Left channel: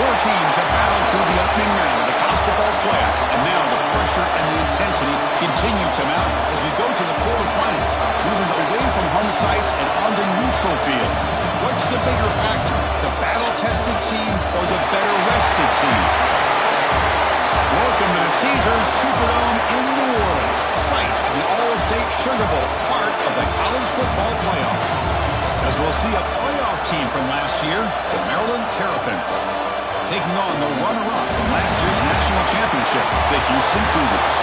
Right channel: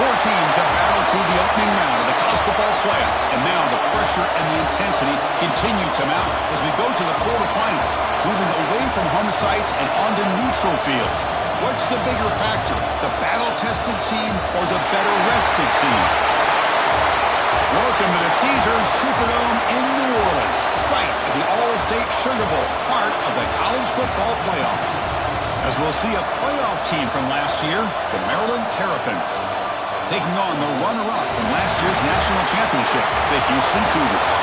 Four teams have battled through the opening round of the college football playoff, and now the pressure and the intensity continue to mount as we go to the quarterfinals, moving away from home sites and onto neutral fields. What's the bigger factor, the battle-tested team or the better-rested team? Welcome to the Caesars Superdome in New Orleans, site of the All-State Sugar Bowl, part of the college football playoff. As we'll see a playoff team from last year, the Maryland Terrapins, taking on the runner-up from last year's national championship, the Houston Cougars.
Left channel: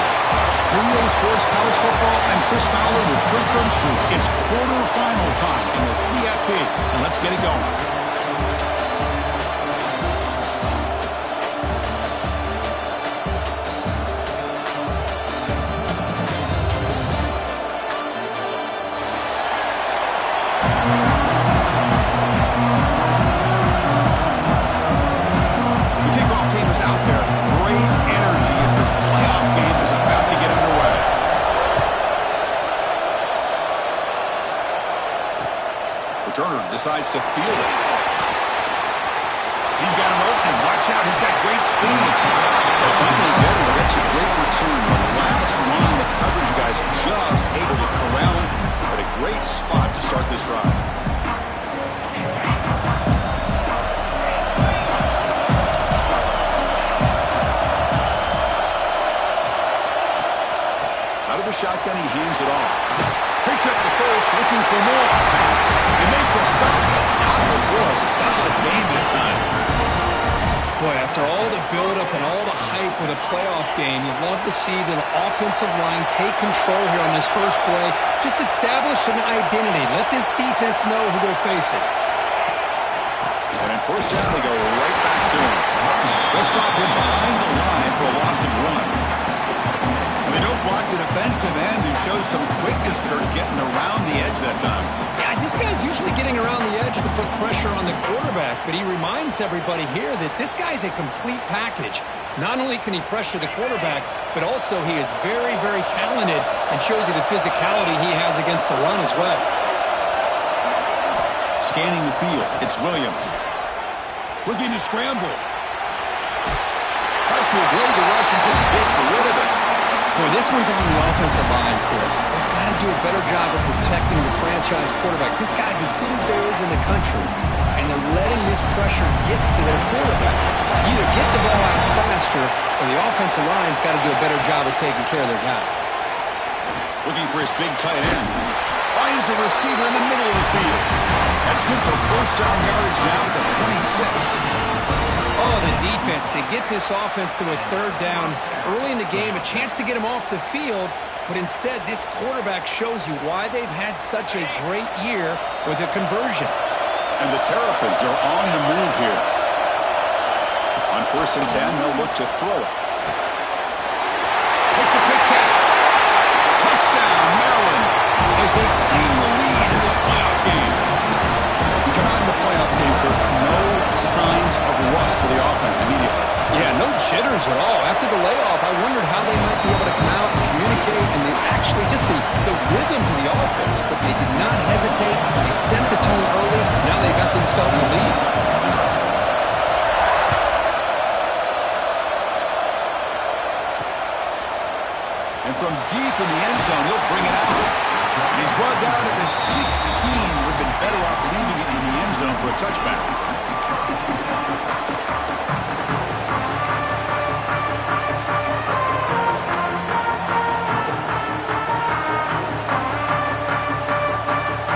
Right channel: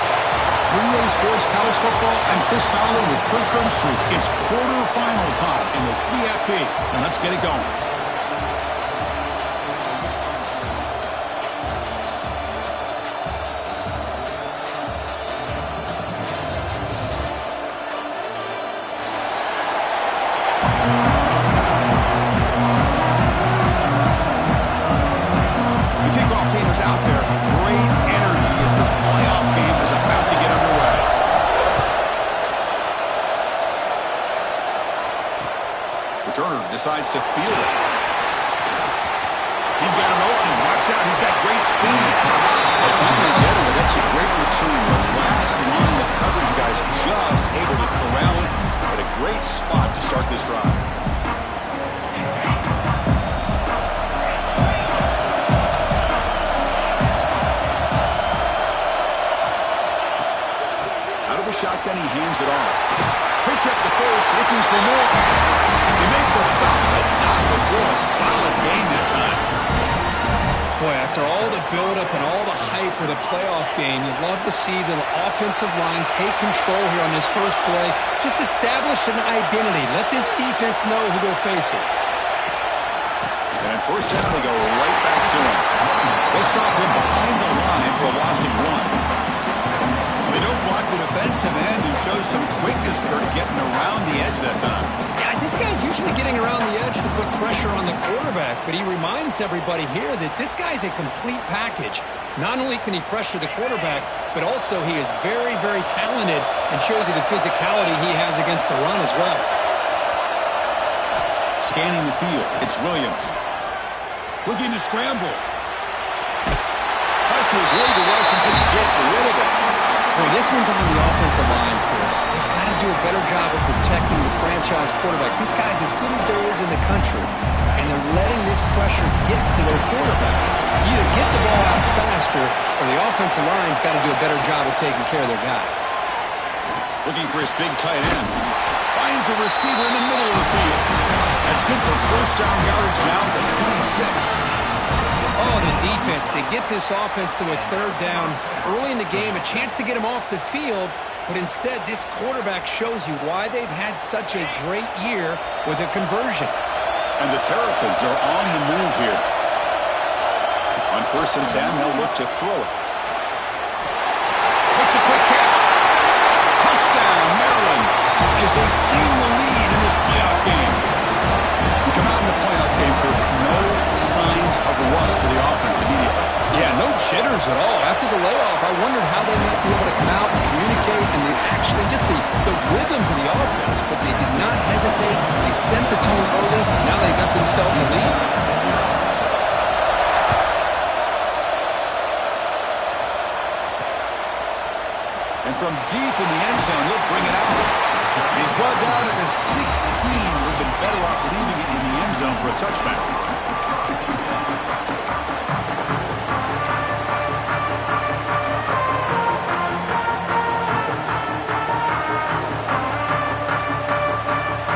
3A Sports College Football, I'm Chris Fowler with Kirk Herbstreit. It's quarterfinal time in the CFP, and let's get it going. Decides to field it. He's got an opening. Watch out. He's got great speed. They finally get him, but that's a great return. The last line of coverage guys just able to corral him, but a great spot to start this drive. Out of the shotgun, he hands it off. Picks up the first, looking for more. They make the stop, but not before a solid gain that time. Boy, after all the buildup and all the hype with a playoff game, you'd love to see the offensive line take control here on this first play. Just establish an identity. Let this defense know who they're facing. And on first down, they go right back to him. They'll stop him behind the line for a loss of 1. They don't block the defensive end, who shows some quickness, Kurt, getting around the edge that time. Yeah, this guy's usually getting around the edge to put pressure on the quarterback, but he reminds everybody here that this guy's a complete package. Not only can he pressure the quarterback, but also he is very, very talented and shows you the physicality he has against the run as well. Scanning the field, it's Williams. Looking to scramble. Tries to avoid the rush and just gets rid of it. Boy, this one's on the offensive line, Chris. They've got to do a better job of protecting the franchise quarterback. This guy's as good as there is in the country, and they're letting this pressure get to their quarterback. Either get the ball out faster, or the offensive line's got to do a better job of taking care of their guy. Looking for his big tight end. Finds a receiver in the middle of the field. That's good for first down yardage now at the 26. Oh, the defense. They get this offense to a third down early in the game, a chance to get him off the field, but instead this quarterback shows you why they've had such a great year with a conversion. And the Terrapins are on the move here. On 1st and 10, they'll look to throw it. Makes a quick catch. Touchdown, Maryland, as they claim the lead in this playoff game. We come out in the playoff game, Kurt. No signs of rust for the offense immediately. Yeah, no jitters at all. After the layoff, I wondered how they might be able to come out and communicate, and they actually just the rhythm to the offense, but they did not hesitate. They set the tone early. Now they got themselves a lead. And from deep in the end zone, he'll bring it out. And he's brought down at the 16. Would have been better off leaving it in the end zone for a touchback.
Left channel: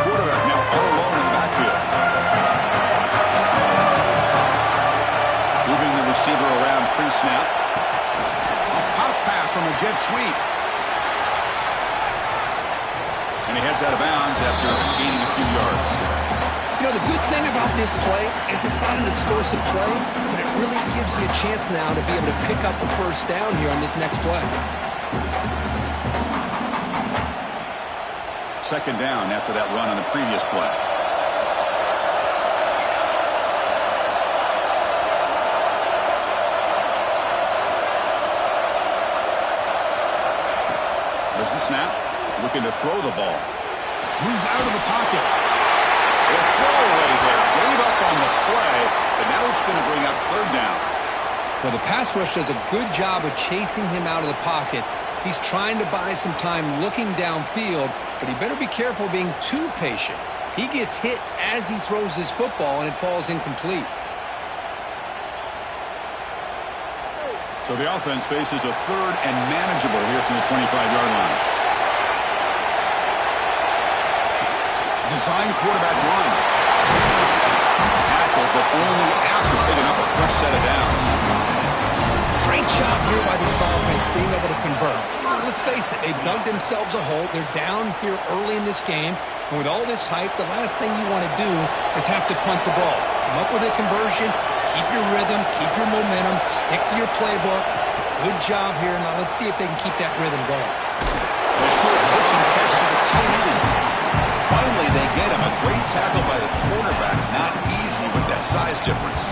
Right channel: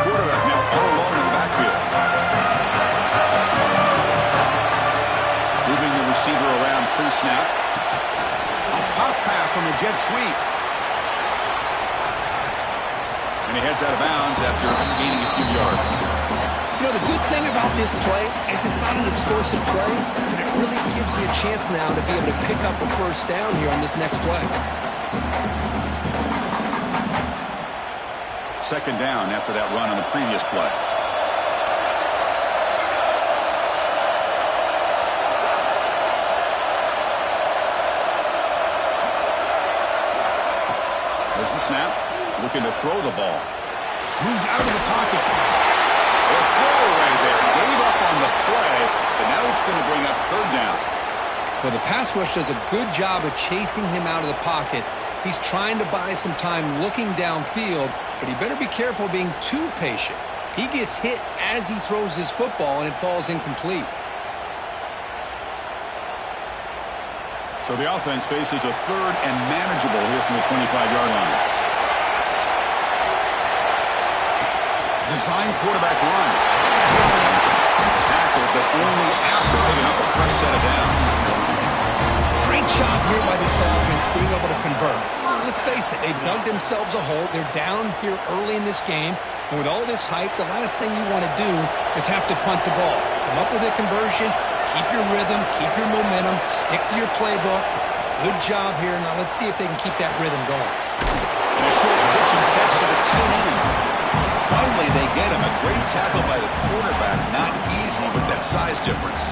Quarterback now all alone in the backfield. Moving the receiver around pre-snap. A pop pass on the jet sweep. And he heads out of bounds after gaining a few yards. You know, the good thing about this play is it's not an explosive play, but it really gives you a chance now to be able to pick up a first down here on this next play. 2nd down after that run on the previous play. There's the snap. Looking to throw the ball. Moves out of the pocket. A throwaway there. Gave stop on the play, but now it's going to bring up third down. Well, the pass rush does a good job of chasing him out of the pocket. He's trying to buy some time looking downfield, but he better be careful being too patient. He gets hit as he throws his football, and it falls incomplete. So the offense faces a third and manageable here from the 25-yard line. Design quarterback run. Tackle, but only after picking up a fresh set of downs. Great job here by this offense being able to convert. Let's face it, they've dug themselves a hole. They're down here early in this game. And with all this hype, the last thing you want to do is have to punt the ball. Come up with a conversion, keep your rhythm, keep your momentum, stick to your playbook. Good job here. Now let's see if they can keep that rhythm going. And a short pitch and catch to the tight end. Finally, they get him. A great tackle by the quarterback. Not easy with that size difference.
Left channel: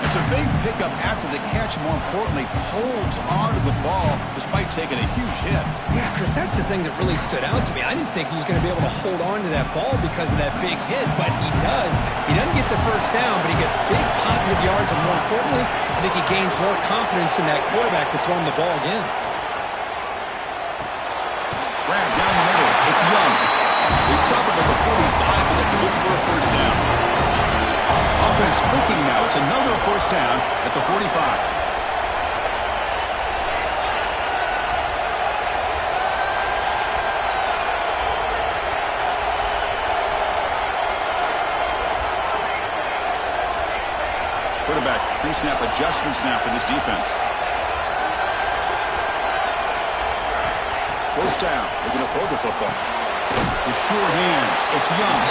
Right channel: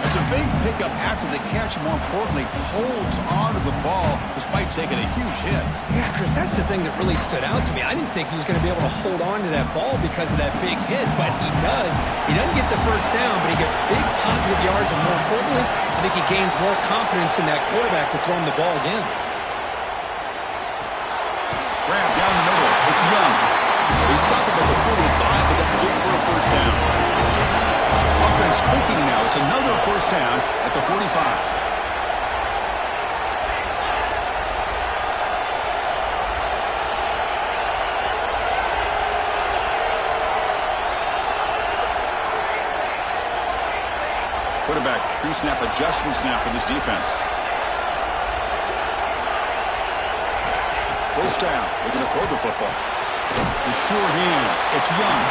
It's a big pickup after the catch. More importantly, holds on to the ball despite taking a huge hit. Yeah, Chris, that's the thing that really stood out to me. I didn't think he was going to be able to hold on to that ball because of that big hit, but he does. He doesn't get the first down, but he gets big positive yards, and more importantly, I think he gains more confidence in that quarterback to throw him the ball again. Grab down the middle. It's Young. They stop him at the 45, but that's good for a first down. Offense clicking now. It's another first down at the 45. Quarterback pre-snap adjustments now for this defense. First down. We're going to throw the football. The sure hands. It's Young.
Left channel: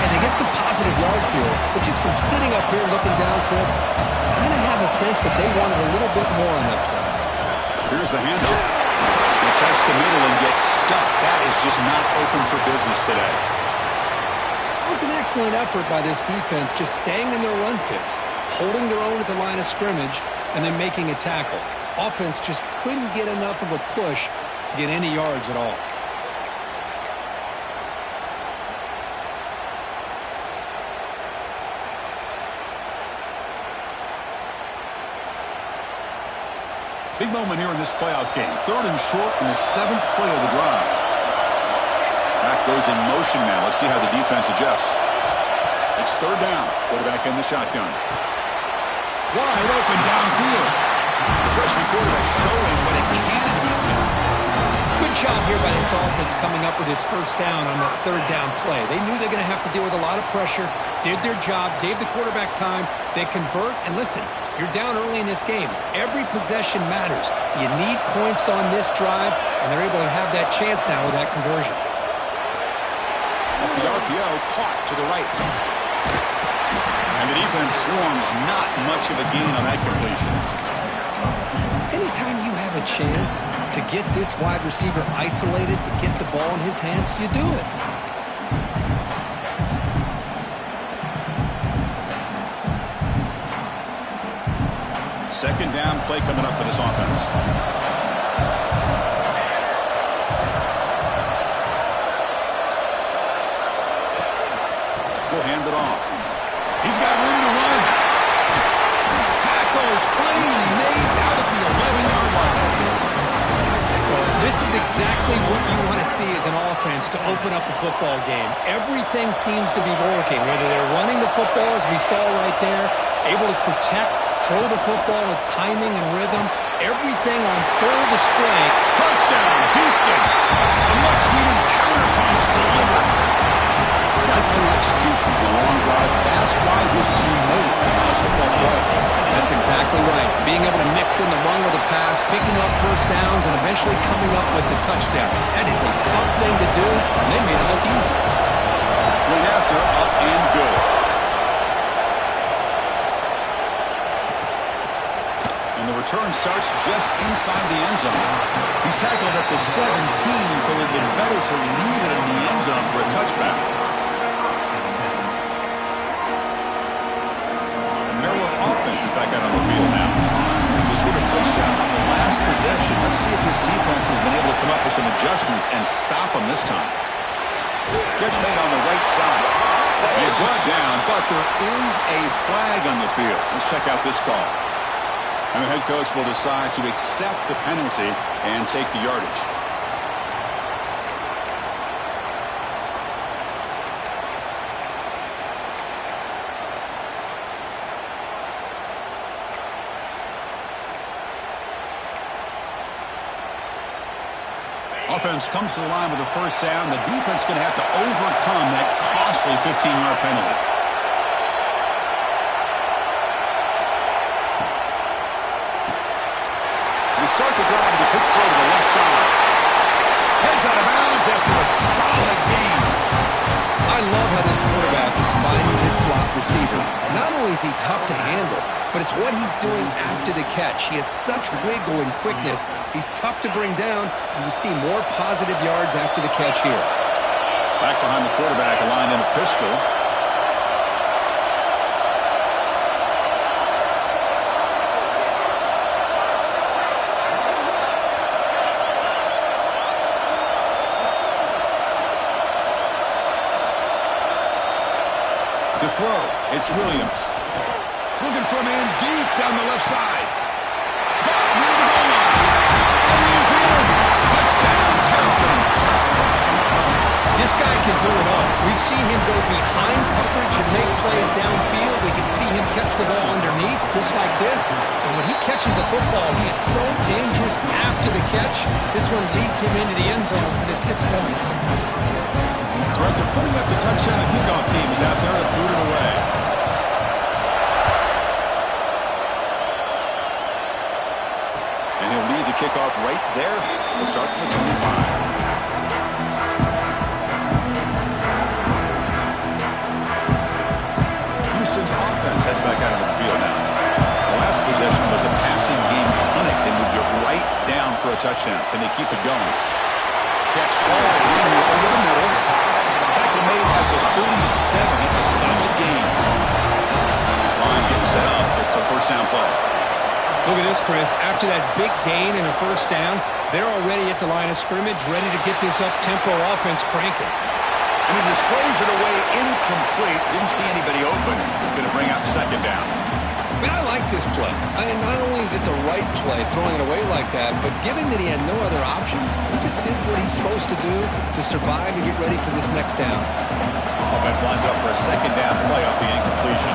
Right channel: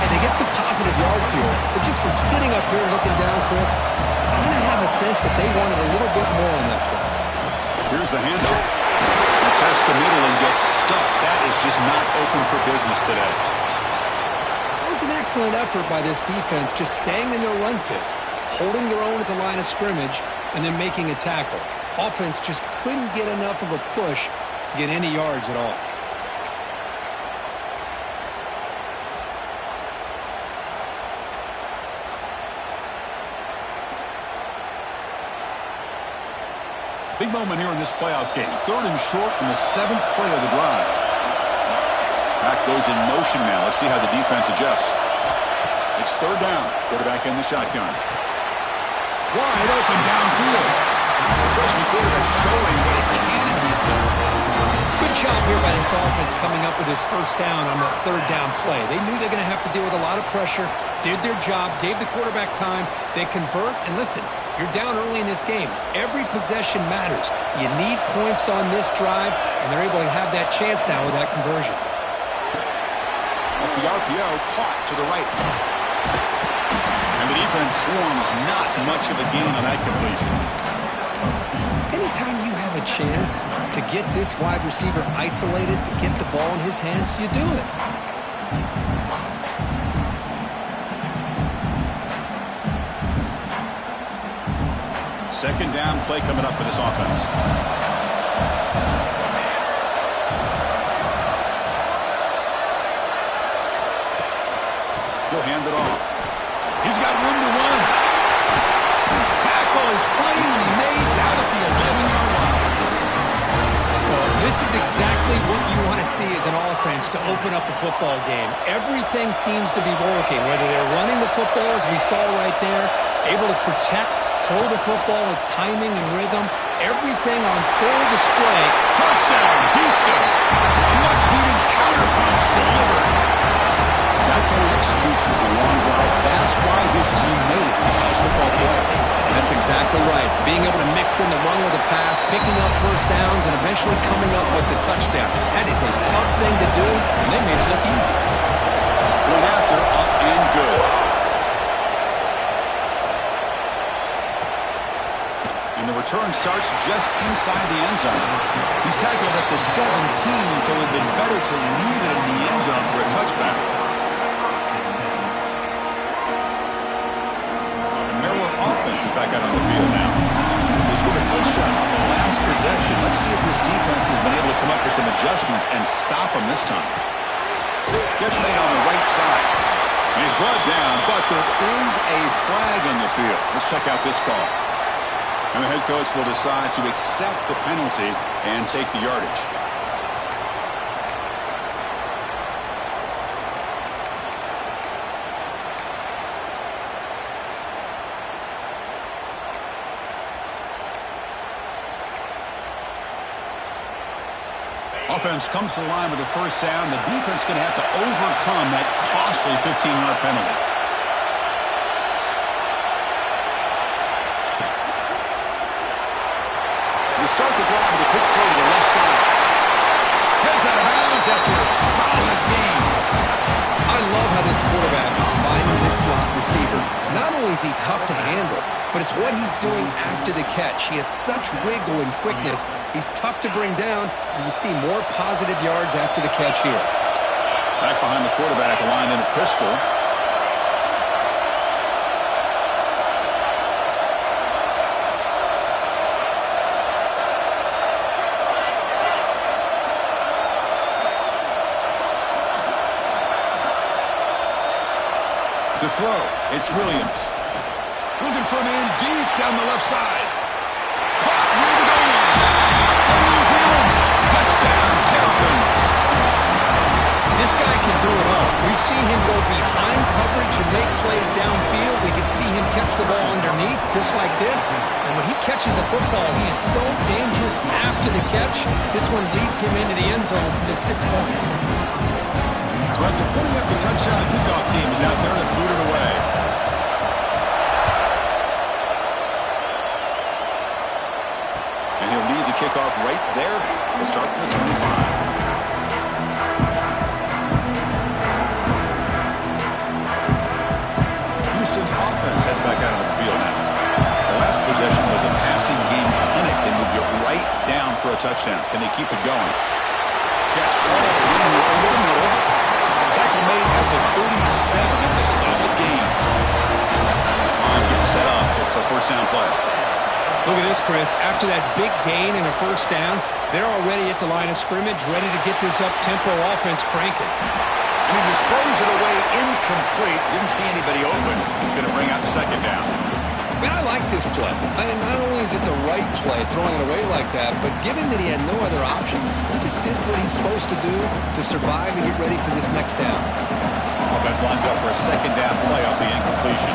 And they get some positive yards here, but just from sitting up here looking down, Chris, I kind of have a sense that they wanted a little bit more on that play. Here's the handoff. They test the middle and get stuck. That is just not open for business today. That was an excellent effort by this defense, just staying in their run fits, holding their own at the line of scrimmage, and then making a tackle. Offense just couldn't get enough of a push to get any yards at all. Big moment here in this playoff game. Third and short in the 7th play of the drive. Back goes in motion now. Let's see how the defense adjusts. It's third down. Quarterback in the shotgun. Wide open downfield. The freshman quarterback showing what a cannon he's got. Good job here by this offense coming up with his first down on that third down play. They knew they're going to have to deal with a lot of pressure, did their job, gave the quarterback time. They convert, and listen, you're down early in this game. Every possession matters. You need points on this drive, and they're able to have that chance now with that conversion. Off the RPO, caught to the right. And the defense swarms, not much of a gain on that completion. Anytime you have a chance to get this wide receiver isolated, to get the ball in his hands, you do it. Second down play coming up for this offense. He'll hand it off. He's got room to run. Tackle is finally made down at the 11-yard line. Well, this is exactly what you want to see as an offense to open up a football game. Everything seems to be working, whether they're running the football, as we saw right there, able to protect, throw the football with timing and rhythm. Everything on full display. Touchdown, Houston. A much-needed counterpunch delivered. That kind of execution, a long drive, that's why this team made it to the college football playoff. That's exactly right. Being able to mix in the run with the pass, picking up first downs, and eventually coming up with the touchdown. That is a tough thing to do, and they made it look easy. Point after, up and good. And the return starts just inside the end zone. He's tackled at the 17, so it would have been better to leave it in the end zone for a touchback. Offense is back out on the field now. They scored a touchdown on the last possession. Let's see if this defense has been able to come up with some adjustments and stop them this time. Catch made on the right side. And he's brought down, but there is a flag on the field. Let's check out this call. And the head coach will decide to accept the penalty and take the yardage. Offense comes to the line with a first down. The defense going to have to overcome that costly 15-yard penalty. We start the drive with a quick throw to the left side. Heads out of bounds after a solid gain. I love how this quarterback is finding this slot receiver. Not only is he tough to handle, but it's what he's doing after the catch. He has such wiggle and quickness. He's tough to bring down, and you see more positive yards after the catch here. Back behind the quarterback, aligned in a pistol. The throw, it's Williams. Looking for a man deep down the left side. Caught near the goal line. And he's in. Touchdown, Terrapins. This guy can do it all. We've seen him go behind coverage and make plays downfield. We can see him catch the ball underneath, just like this. And when he catches a football, he is so dangerous after the catch. This one leads him into the end zone for the 6 points. So after putting up the touchdown, the kickoff team is out there to boot it away. And he'll lead the kickoff right there. We'll start from the 25. Houston's offense heads back out of the field now. The last possession was a passing game clinic. They moved it right down for a touchdown. Can they keep it going? Catch hauled in over the middle. Tackle made at the 37. That's a solid gain. This line getting set up. It's a first down play. Look at this, Chris. After that big gain and a first down, they're already at the line of scrimmage, ready to get this up-tempo offense cranking. And he just throws it away incomplete. Didn't see anybody open. He's going to bring out second down. I mean, I like this play. And not only is it the right play, throwing it away like that, but given that he had no other option, he just did what he's supposed to do to survive and get ready for this next down. Offense lines up for a second down play off the incompletion.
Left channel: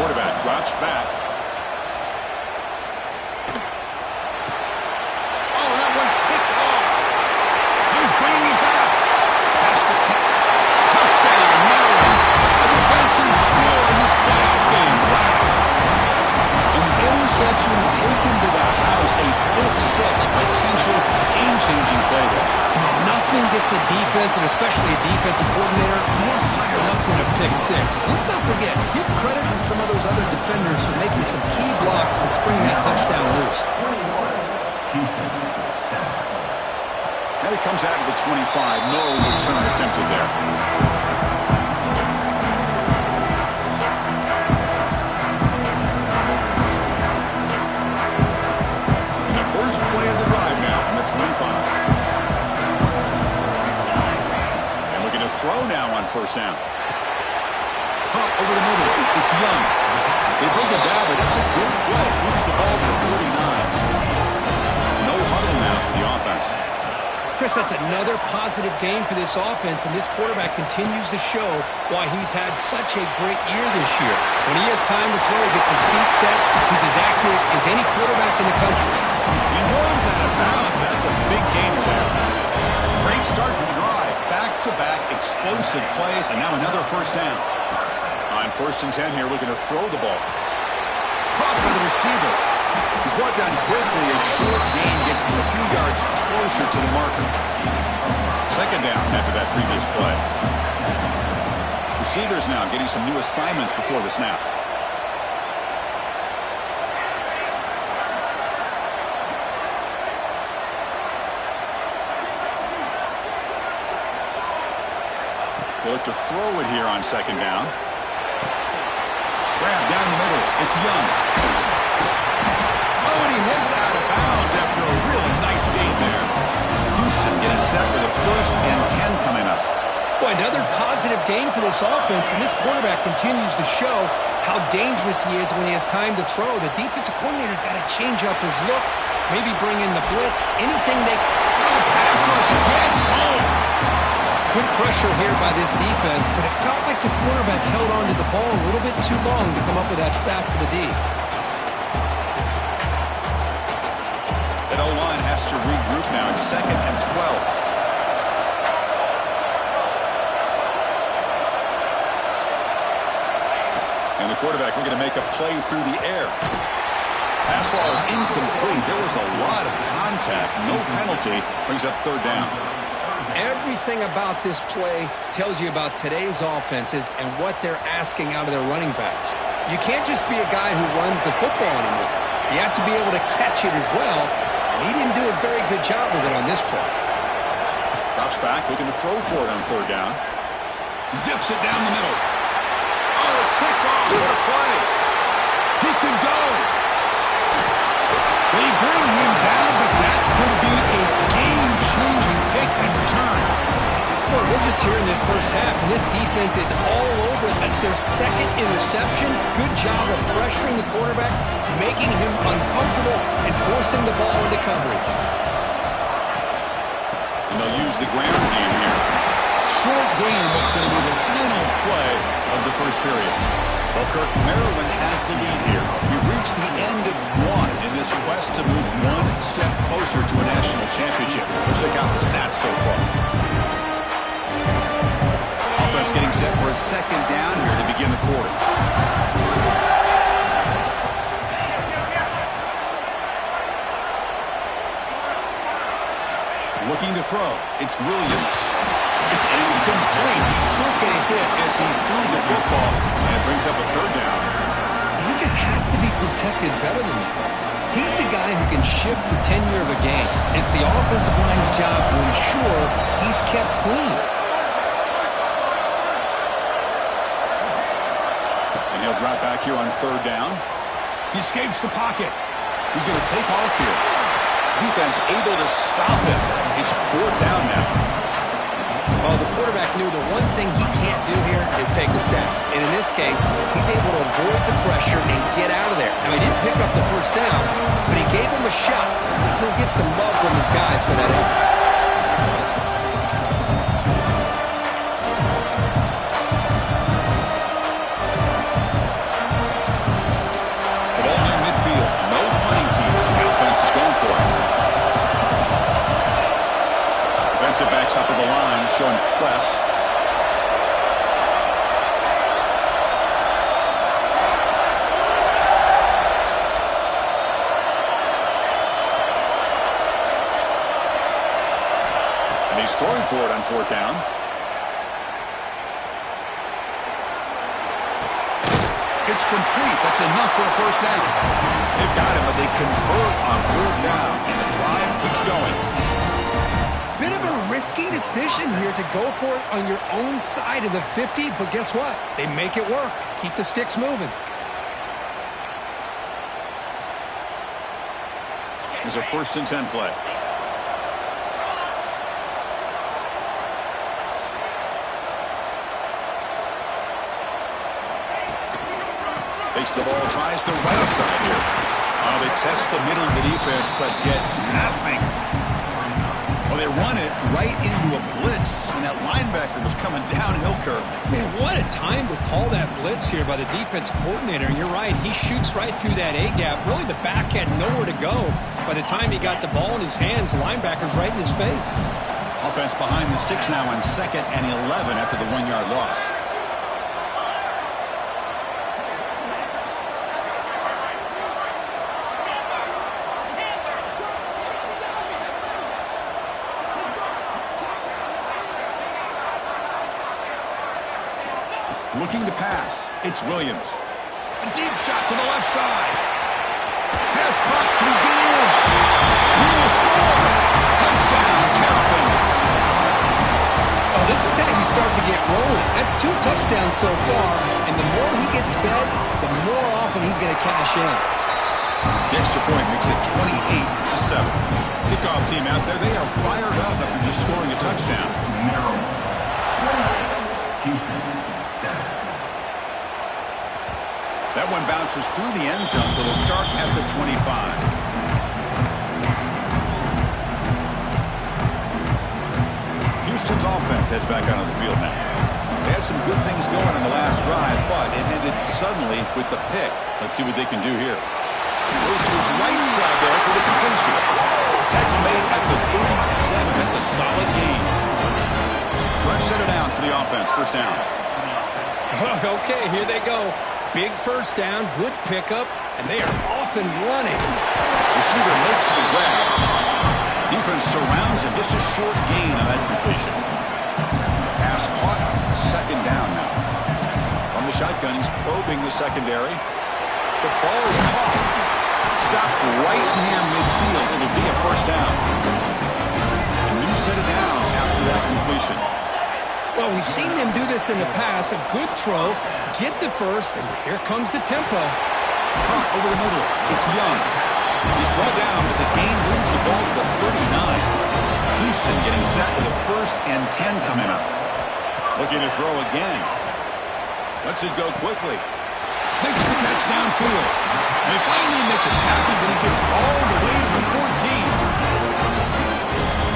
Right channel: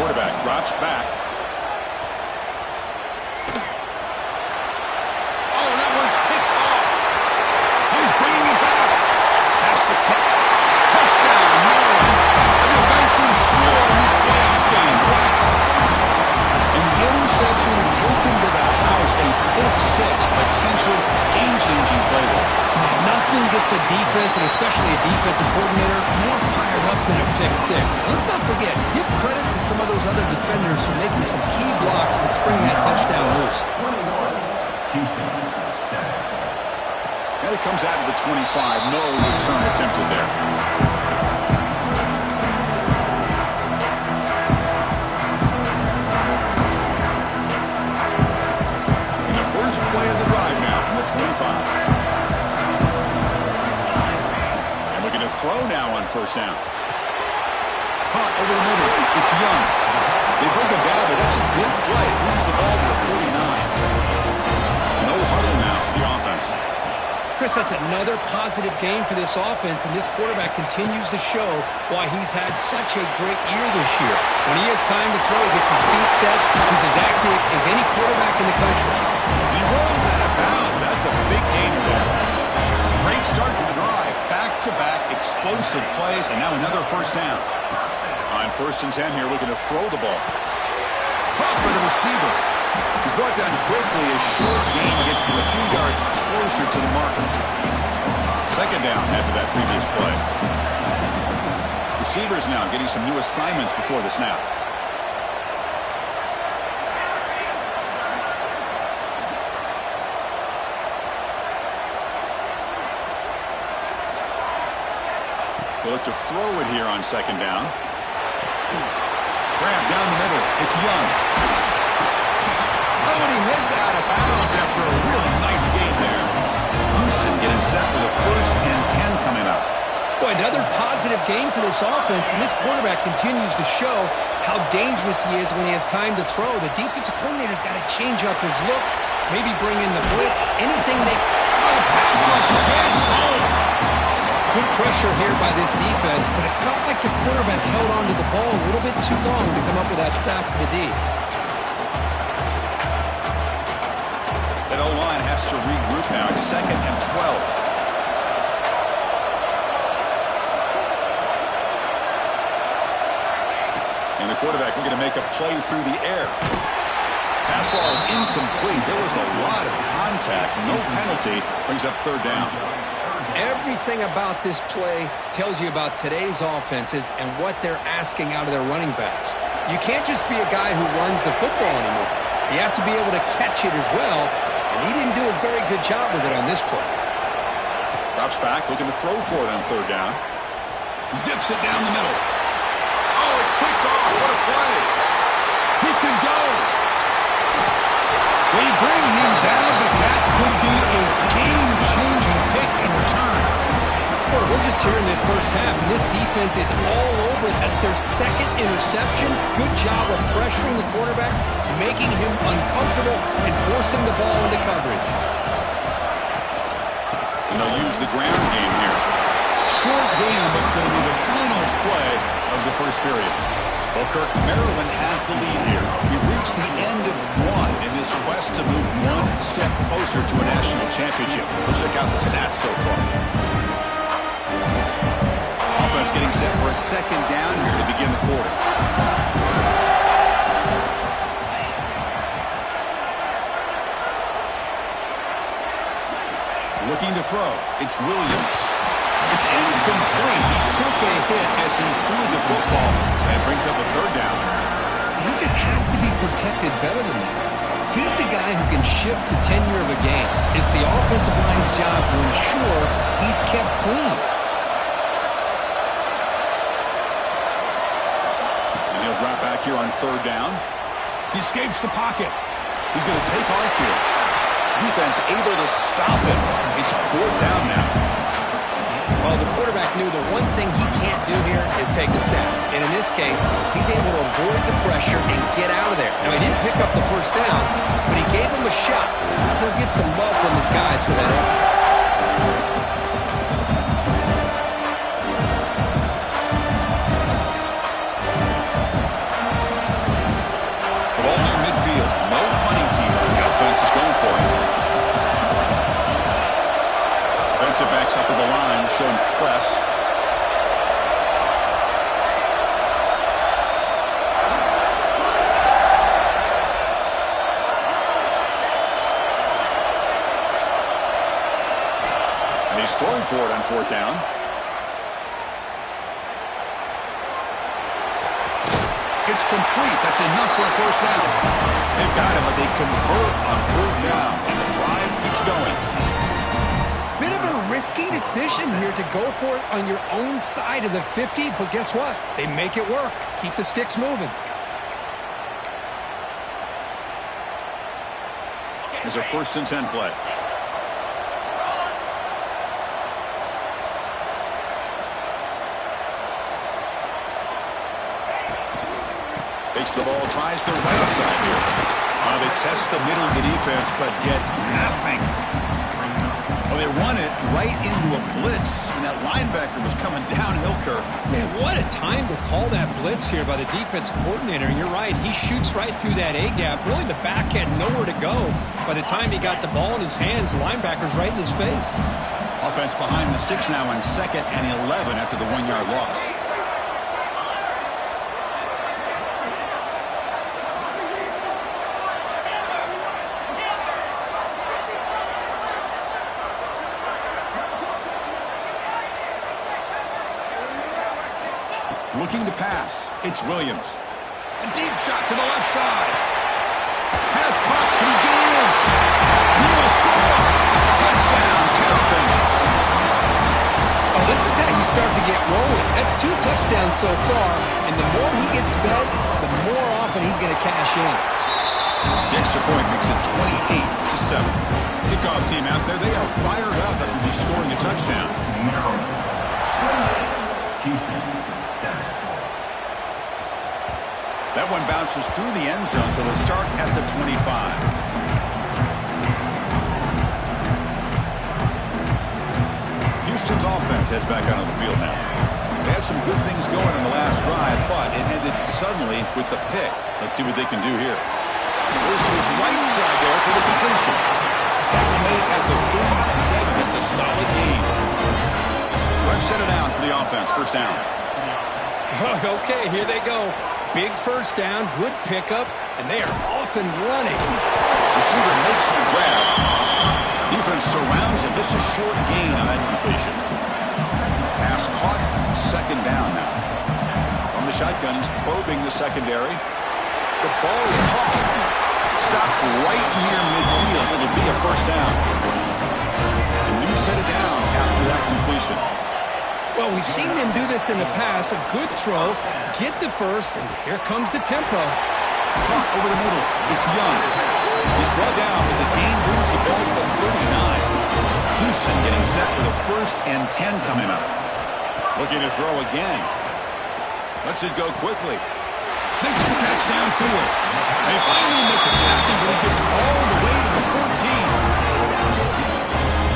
Quarterback drops back. Oh, that one's picked off. He's bringing it back. Past the 10. Touchdown, Maryland. A defensive score in this playoff game. Wow. And the interception taken to the house. A pick six, potential game-changing play there. And nothing gets a defense, and especially a defensive coordinator, more fired up than a pick six. And let's not forget, give credit to some of those other defenders for making some key blocks to spring that touchdown loose. And it comes out of the 25. No return attempted there. And the first play of the drive now from the 25. And looking to throw now on first down. Caught over the middle. It's Young. They bring it down, but that's a good play. Moves the ball to the 39. No huddle now for the offense. Chris, that's another positive game for this offense, and this quarterback continues to show why he's had such a great year this year. When he has time to throw, he gets his feet set. He's as accurate as any quarterback in the country. He rolls out of bounds. That's a big gainer there. Great start to the drive. Back-to-back explosive plays, and now another first down. On 1st and 10 here, looking to throw the ball. Caught by the receiver. He's brought down quickly. A short gain gets them a few yards closer to the marker. Second down after that previous play. Receivers now getting some new assignments before the snap. They look to throw it here on second down. Grab down the middle. It's Young. Oh, and he heads out of bounds after a really nice game there. Houston getting set for the 1st and 10 coming up. Boy, another positive game for this offense, and this quarterback continues to show how dangerous he is when he has time to throw. The defensive coordinator's got to change up his looks, maybe bring in the blitz, anything they... The pass rush gets home. Good pressure here by this defense, but it felt like the quarterback held on to the ball a little bit too long to come up with that sack for the D. That O-line has to regroup now. It's 2nd and 12. And the quarterback looking to make a play through the air. Pass ball is incomplete. There was a lot of contact. No penalty. Brings up 3rd down. Everything about this play tells you about today's offenses and what they're asking out of their running backs. You can't just be a guy who runs the football anymore. You have to be able to catch it as well, and he didn't do a very good job of it on this play. Drops back, looking to throw for it on 3rd down. Zips it down the middle. Oh, it's picked off. What a play. He could go. They bring him down, but that could be a game-changing pick and return. Well, we're just here in this first half, and this defense is all over it. That's their 2nd interception. Good job of pressuring the quarterback, making him uncomfortable, and forcing the ball into coverage. And they'll use the ground game here. Short game, but it's going to be the final play of the first period. Well, Kirk, Maryland has the lead here. We've reached the end of one in this quest to move one step closer to a national championship. Let's check out the stats so far. Offense getting set for a 2nd down here to begin the quarter. Looking to throw. It's Williams. It's incomplete. He took a hit as he threw the football and brings up a 3rd down. He just has to be protected better than that. He's the guy who can shift the tenure of a game. It's the offensive line's job to ensure he's kept clean. And he'll drop back here on 3rd down. He escapes the pocket. He's going to take off here. Defense able to stop him. It's 4th down now. Well, the quarterback knew the one thing he can't do here is take a sack. And in this case, he's able to avoid the pressure and get out of there. Now, he didn't pick up the 1st down, but he gave him a shot. I think he'll get some love from his guys for that effort. The ball near midfield. No punting team. The offense is going for it. Defensive backs up at the line, showing press. And he's throwing for it on 4th down. It's complete. That's enough for a 1st down. They've got him, but they convert on 3rd down, and the drive keeps going. Bit of a risky decision here to go for it on your own side of the 50, but guess what? They make it work. Keep the sticks moving. Here's a 1st and 10 play. Takes the ball, tries the right side here. They test the middle of the defense, but get nothing. Well, they run it right into a blitz, and that linebacker was coming downhill, Kirk. Man, what a time to call that blitz here by the defense coordinator. And you're right, he shoots right through that A-gap. Really, the back had nowhere to go. By the time he got the ball in his hands, the linebacker's right in his face. Offense behind the 6 now on 2nd and 11 after the 1-yard loss. Looking to pass. It's Williams. A deep shot to the left side. Pass caught. Can he get in? He will score. Touchdown, Terrapins. Oh, this is how you start to get rolling. That's 2 touchdowns so far, and the more he gets fed, the more often he's going to cash in. The extra point makes it 28-7. Kickoff team out there, they are fired up after just scoring a touchdown. Houston, 7. That one bounces through the end zone, so they'll start at the 25. Houston's offense heads back out on the field now. They had some good things going on the last drive, but it ended suddenly with the pick. Let's see what they can do here. Goes to his right side there for the completion. Tackle made at the 37. That's a solid gain. Fresh set of downs for the offense. First down. Okay, here they go. Big first down, good pickup, and they are off and running. Receiver makes the grab. Defense surrounds him. Just a short gain on that completion. Pass caught. Second down now. From the shotgun, he's probing the secondary. The ball is caught. Stopped right near midfield. It'll be a first down. A new set of downs after that completion. Well, we've seen them do this in the past. A good throw, get the first, and here comes the tempo. Caught over the middle. It's Young. He's brought down, but the gain moves the ball to the 39. Houston getting set with a 1st and 10 coming up. Looking to throw again. Lets it go quickly. Makes the catch downfield. They finally make the tackle, but he gets all the way to the 14.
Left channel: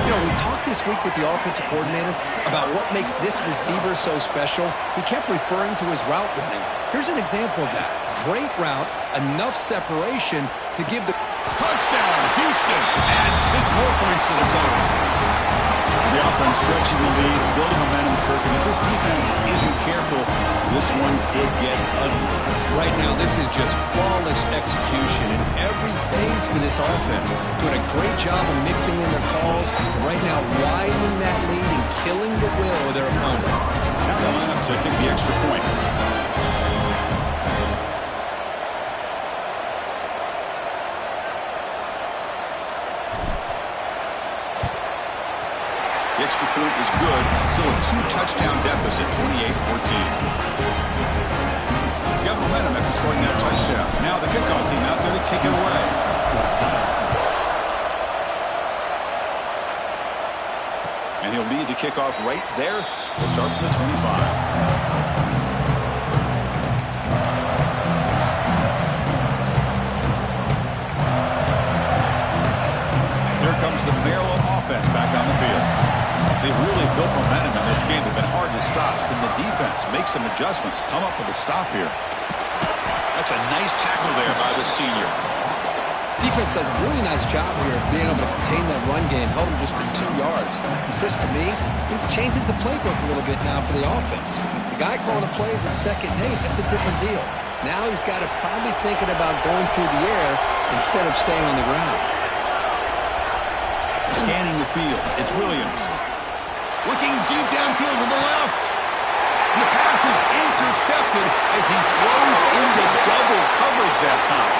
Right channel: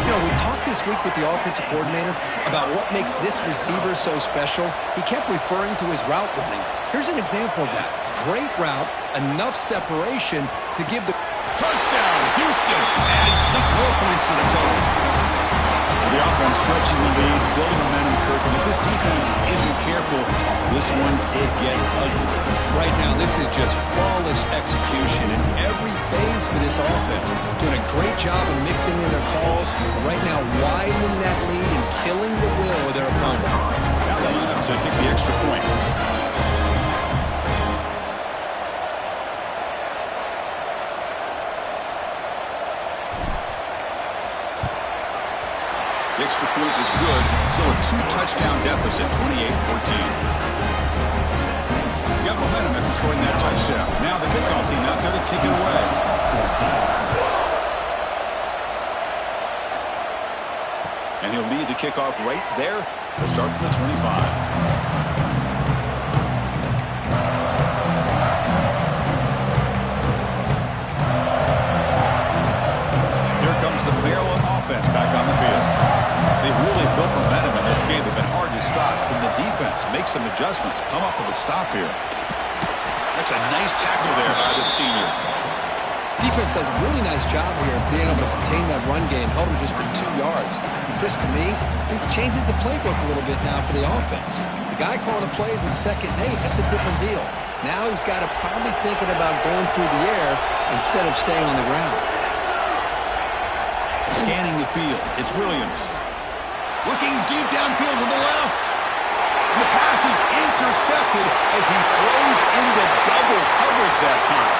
You know, we talked this week with the offensive coordinator about what makes this receiver so special. He kept referring to his route running. Here's an example of that. Great route, enough separation to give the... Touchdown, Houston. Adds 6 more points to the total. The offense stretching the lead, building momentum, Kirk. And if this defense isn't careful, this one could get ugly. Right now, this is just flawless execution in every phase for this offense. Doing a great job of mixing in their calls. Right now, widening that lead and killing the will of their opponent. Now they line up to kick the extra point. The extra point is good. Still a 2-touchdown deficit, 28-14. Got momentum after scoring that touchdown. Now the kickoff team out there to kick it away. And he'll lead the kickoff right there. He'll start from the 25. Here comes the Maryland offense back on the field. They've really built momentum in this game. They've been hard to stop. Can the defense make some adjustments, come up with a stop here? That's a nice tackle there by the senior. Defense does a really nice job here of being able to contain that run game, held him just for 2 yards. And Chris, to me, this changes the playbook a little bit now for the offense. The guy calling the plays at 2nd and 8, that's a different deal. Now he's got to probably thinking about going through the air instead of staying on the ground. Scanning the field, it's Williams. Looking deep downfield to the left. And the pass is intercepted as he throws into double coverage that time.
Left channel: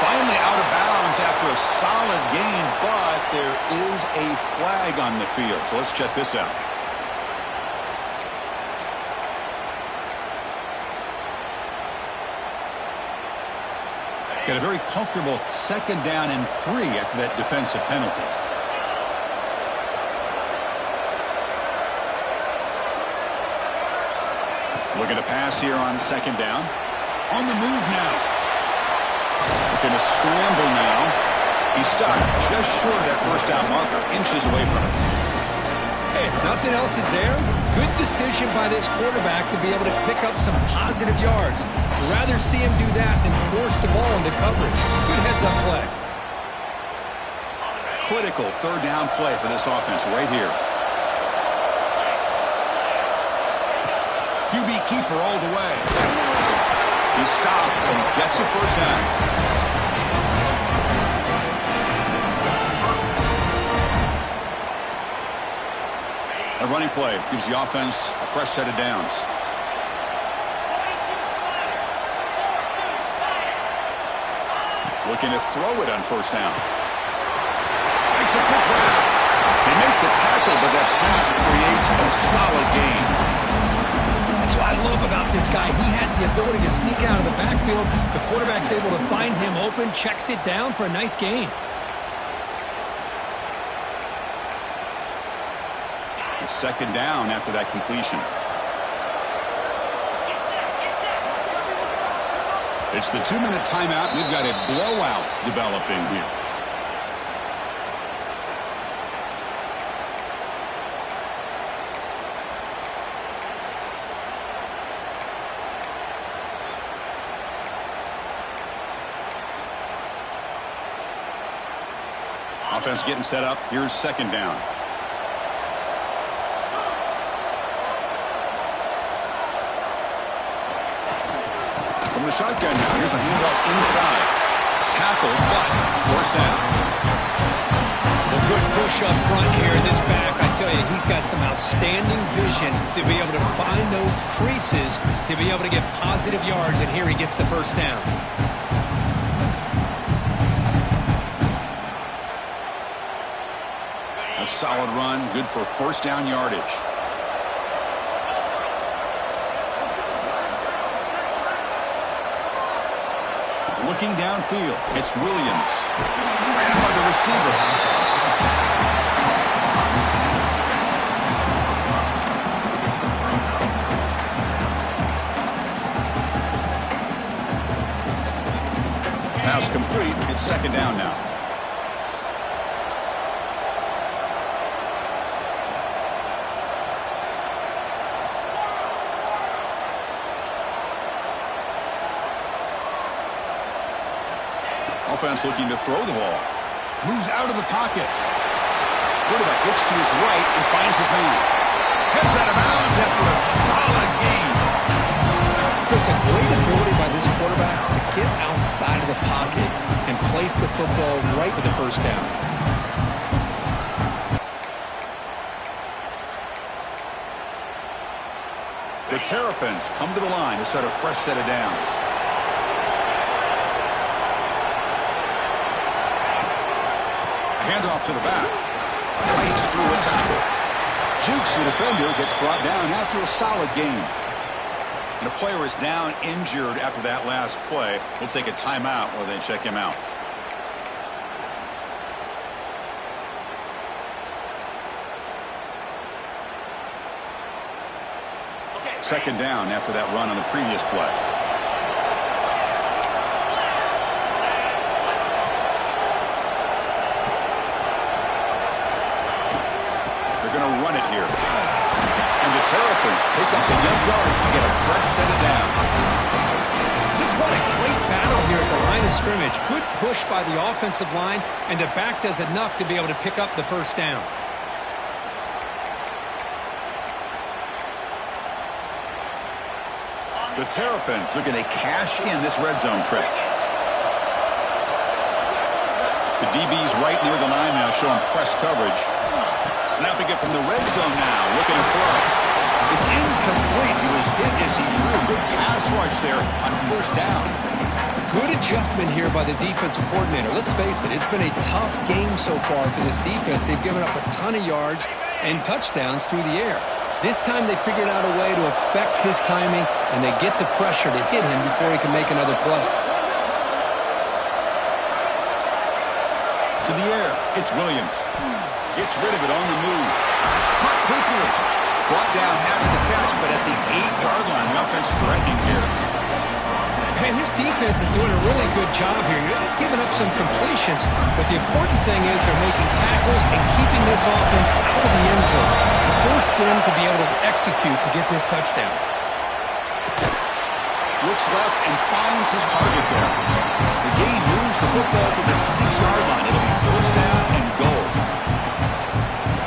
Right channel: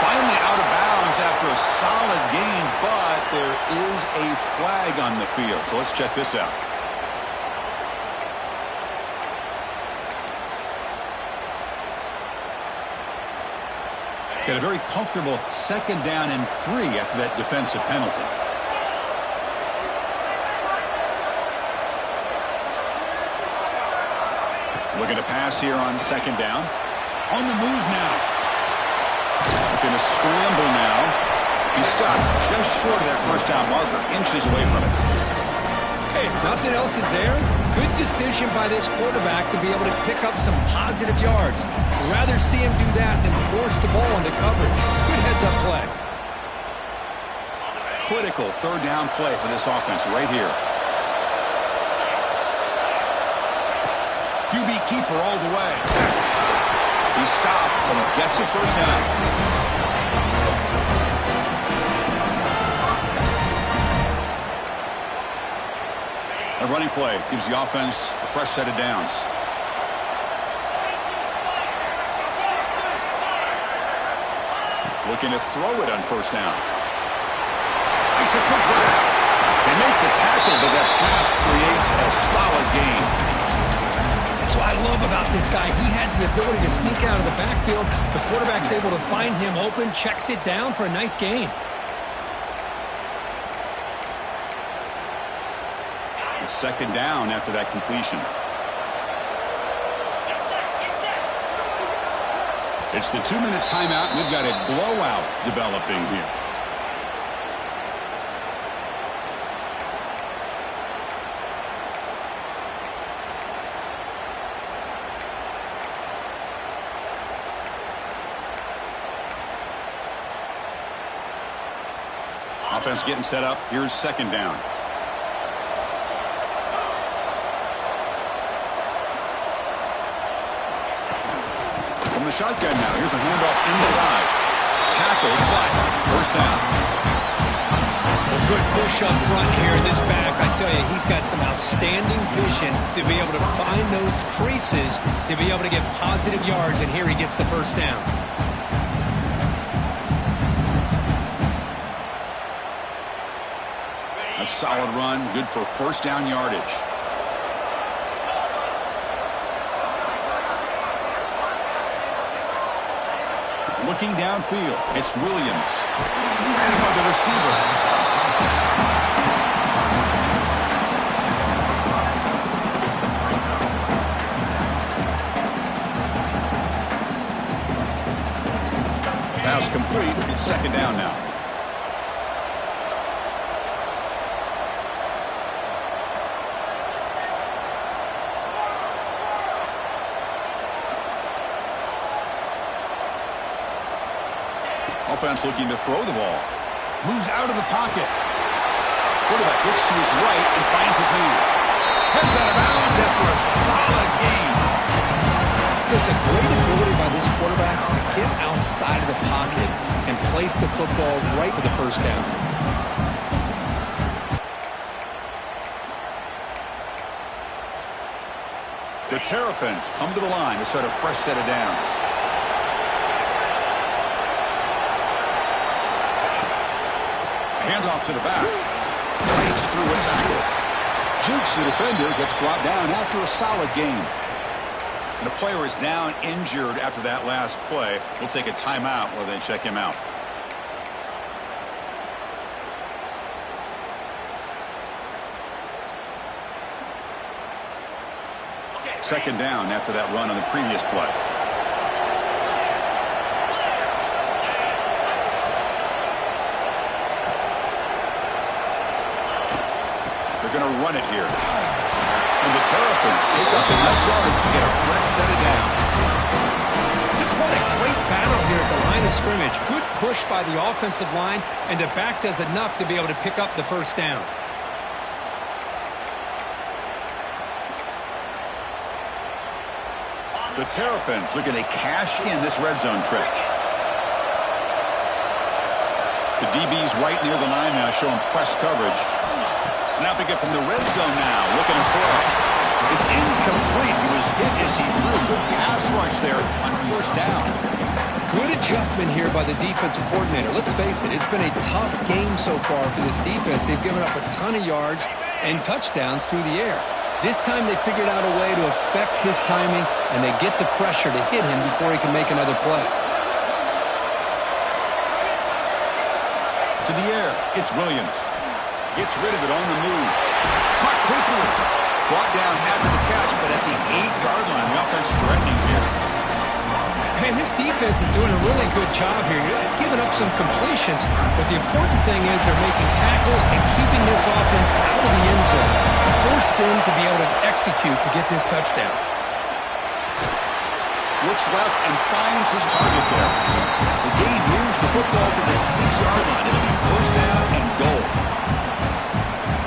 Finally out of bounds after a solid gain, but there is a flag on the field. So let's check this out. Got a very comfortable 2nd down and 3 after that defensive penalty. Looking to pass here on 2nd down. On the move now. Looking to scramble now. He's stopped just short of that 1st down marker, inches away from it. Hey, if nothing else is there, good decision by this quarterback to be able to pick up some positive yards. Rather see him do that than force the ball into coverage. Good heads-up play. Critical 3rd down play for this offense right here. QB keeper all the way. He stopped and he gets a 1st down. A running play gives the offense a fresh set of downs. Looking to throw it on 1st down. Makes a quick grab. They make the tackle, but that pass creates a solid gain. That's what I love about this guy. He has the ability to sneak out of the backfield. The quarterback's able to find him open, checks it down for a nice gain. It's second down after that completion. It's the 2-minute timeout, and we've got a blowout developing here. Offense getting set up. Here's second down. From the shotgun now. Here's a handoff inside. Tackled, but first down. Well, good push up front here. This back, I tell you, he's got some outstanding vision to be able to find those creases, to be able to get positive yards, and here he gets the first down. A solid run, good for first down yardage. Looking downfield, it's Williams. Ran by the receiver. Pass complete. It's second down now. Offense looking to throw the ball. Moves out of the pocket. Quarterback looks to his right and finds his man. Heads out of bounds after a solid gain. Chris, a great ability by this quarterback to get outside of the pocket and place the football right for the first down. The Terrapins come to the line to start a fresh set of downs. Handoff to the back. Breaks through a tackle. Jukes the defender, gets brought down after a solid gain. And a player is down injured after that last play. We'll take a timeout while they check him out. Second down after that run on the previous play. They're going to run it here. And the Terrapins pick up enough yards to get a fresh set of downs. Just what a great battle here at the line of scrimmage. Good push by the offensive line, and the back does enough to be able to pick up the first down. The Terrapins looking to cash in this red zone trip. The DB's right near the line now, showing press coverage. Snapping it from the red zone now, looking to throw. It's incomplete. He was hit as he threw. Good pass rush there on first down. Good adjustment here by the defensive coordinator. Let's face it, it's been a tough game so far for this defense. They've given up a ton of yards and touchdowns through the air. This time they figured out a way to affect his timing, and they get the pressure to hit him before he can make another play. To the air, it's Williams. Gets rid of it on the move. Caught quickly. Brought down after the catch, but at the 8-yard line, the offense threatening here. And this defense is doing a really good job here. You're giving up some completions, but the important thing is they're making tackles and keeping this offense out of the end zone. Force him to be able to execute to get this touchdown. Looks left and finds his target there. The gain moves the football to the 6-yard line. It'll be first down and goal.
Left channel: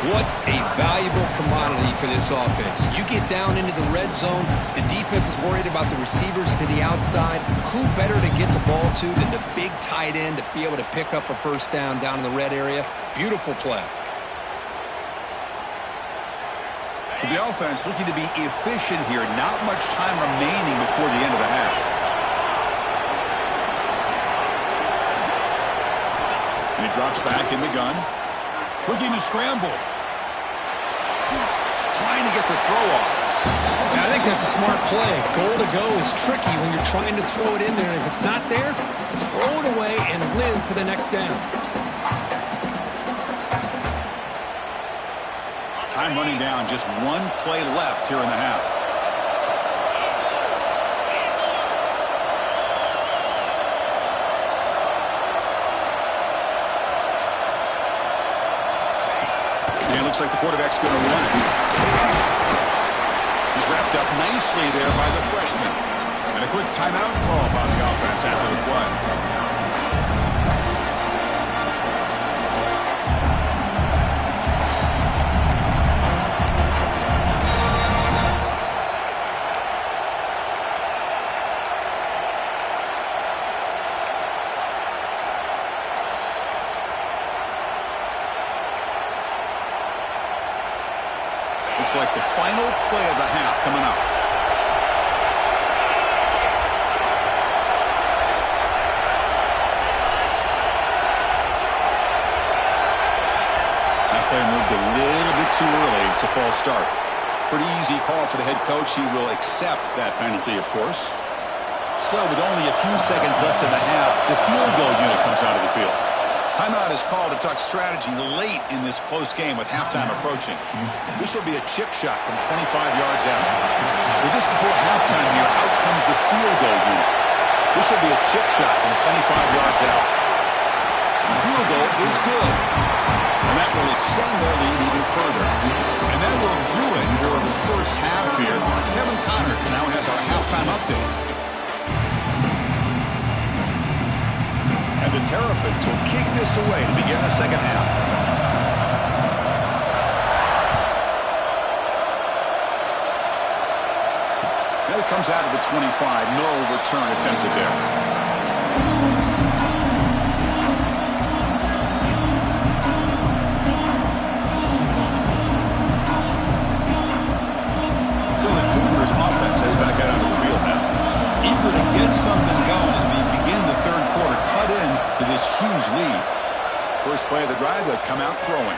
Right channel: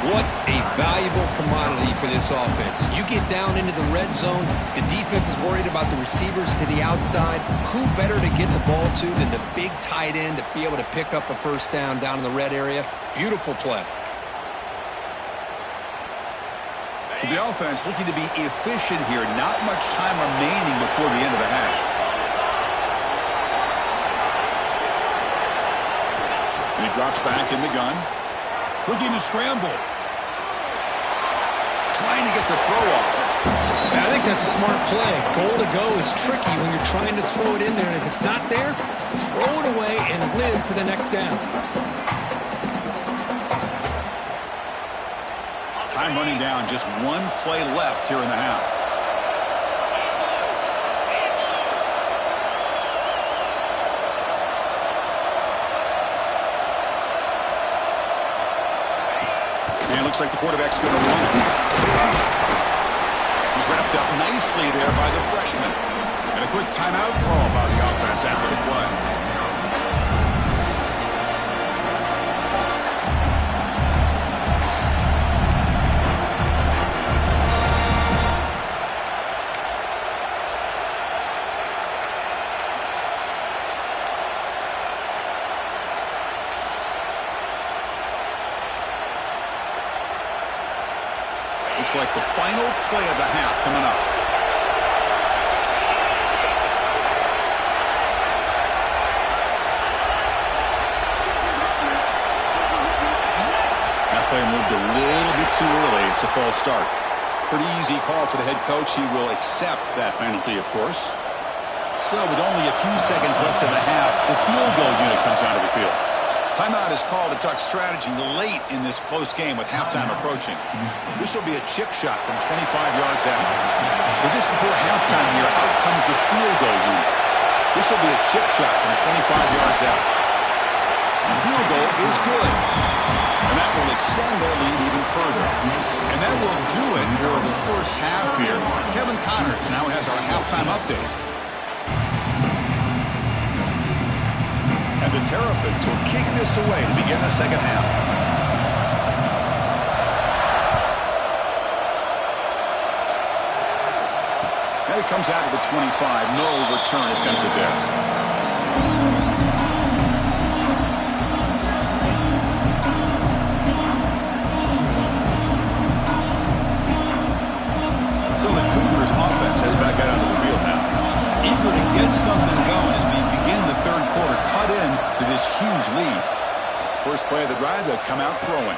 What a valuable commodity for this offense. You get down into the red zone, the defense is worried about the receivers to the outside. Who better to get the ball to than the big tight end to be able to pick up a first down in the red area? Beautiful play. To the offense, looking to be efficient here. Not much time remaining before the end of the half. And he drops back in the gun. Looking to scramble. Trying to get the throw off. Yeah, I think that's a smart play. Goal to go is tricky when you're trying to throw it in there. And if it's not there, throw it away and live for the next down. Time running down, just one play left here in the half. And it looks like the quarterback's going to run it. He's wrapped up nicely there by the freshman. And a quick timeout call by the offense after the play. Looks like the final play of the half coming up. That player moved a little bit too early to false start. Pretty easy call for the head coach. He will accept that penalty, of course. So with only a few seconds left in the half, the field goal unit comes onto the field. Timeout is called to talk strategy late in this close game with halftime approaching. This will be a chip shot from 25 yards out. So just before halftime here, out comes the field goal unit. This will be a chip shot from 25 yards out. The field goal is good. And that will extend their lead even further. And that will do it for the first half here. Kevin Connors now has our halftime update. And the Terrapins will kick this away to begin the second half. And it comes out of the 25. No return attempted there. So the Cougars offense heads back out onto the field now. Eager to get something going as we begin the third quarter, cut in to this huge lead. First play of the drive, they'll come out throwing.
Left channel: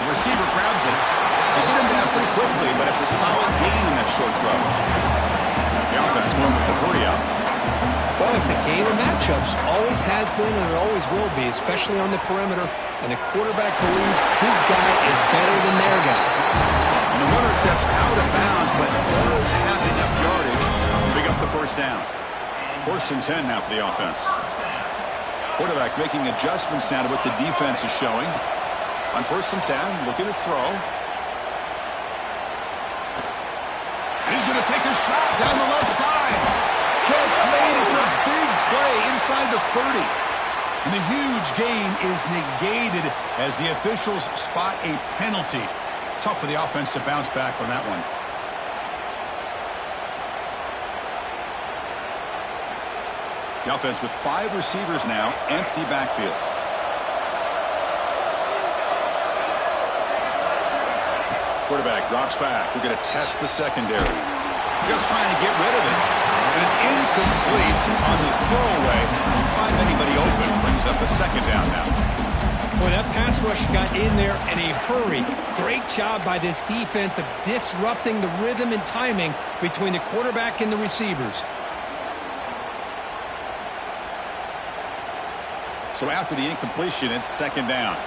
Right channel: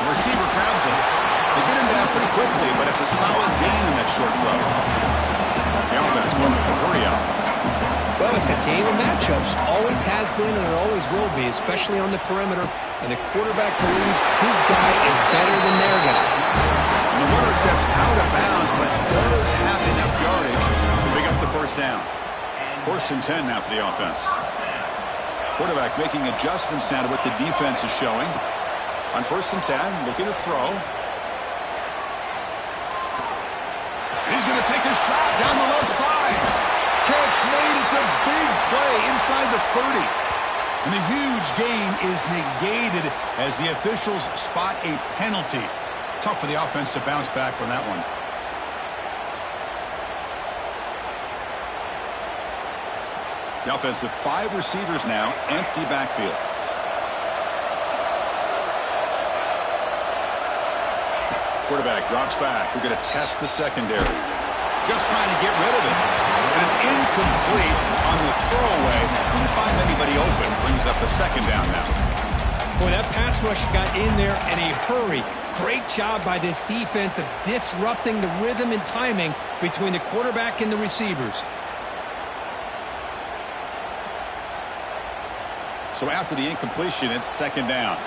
The receiver grabs him. They get him down pretty quickly, but it's a solid gain in that short throw. The offense going with the hurry out. Well, it's a game of matchups. Always has been and it always will be, especially on the perimeter. And the quarterback believes his guy is better than their guy. And the runner steps out of bounds, but does have enough yardage to pick up the first down. First and 10 now for the offense. Quarterback making adjustments now to what the defense is showing. On first and 10, looking to throw. And he's going to take a shot down the left side. Catch made. It's a big play inside the 30. And the huge gain is negated as the officials spot a penalty. Tough for the offense to bounce back from that one. The offense with 5 receivers now, empty backfield. Quarterback drops back. We're going to test the secondary. Just trying to get rid of it. And it's incomplete on the throwaway. Couldn't find anybody open. Brings up a second down now. Boy, that pass rush got in there in a hurry. Great job by this defense of disrupting the rhythm and timing between the quarterback and the receivers. So after the incompletion, it's second down.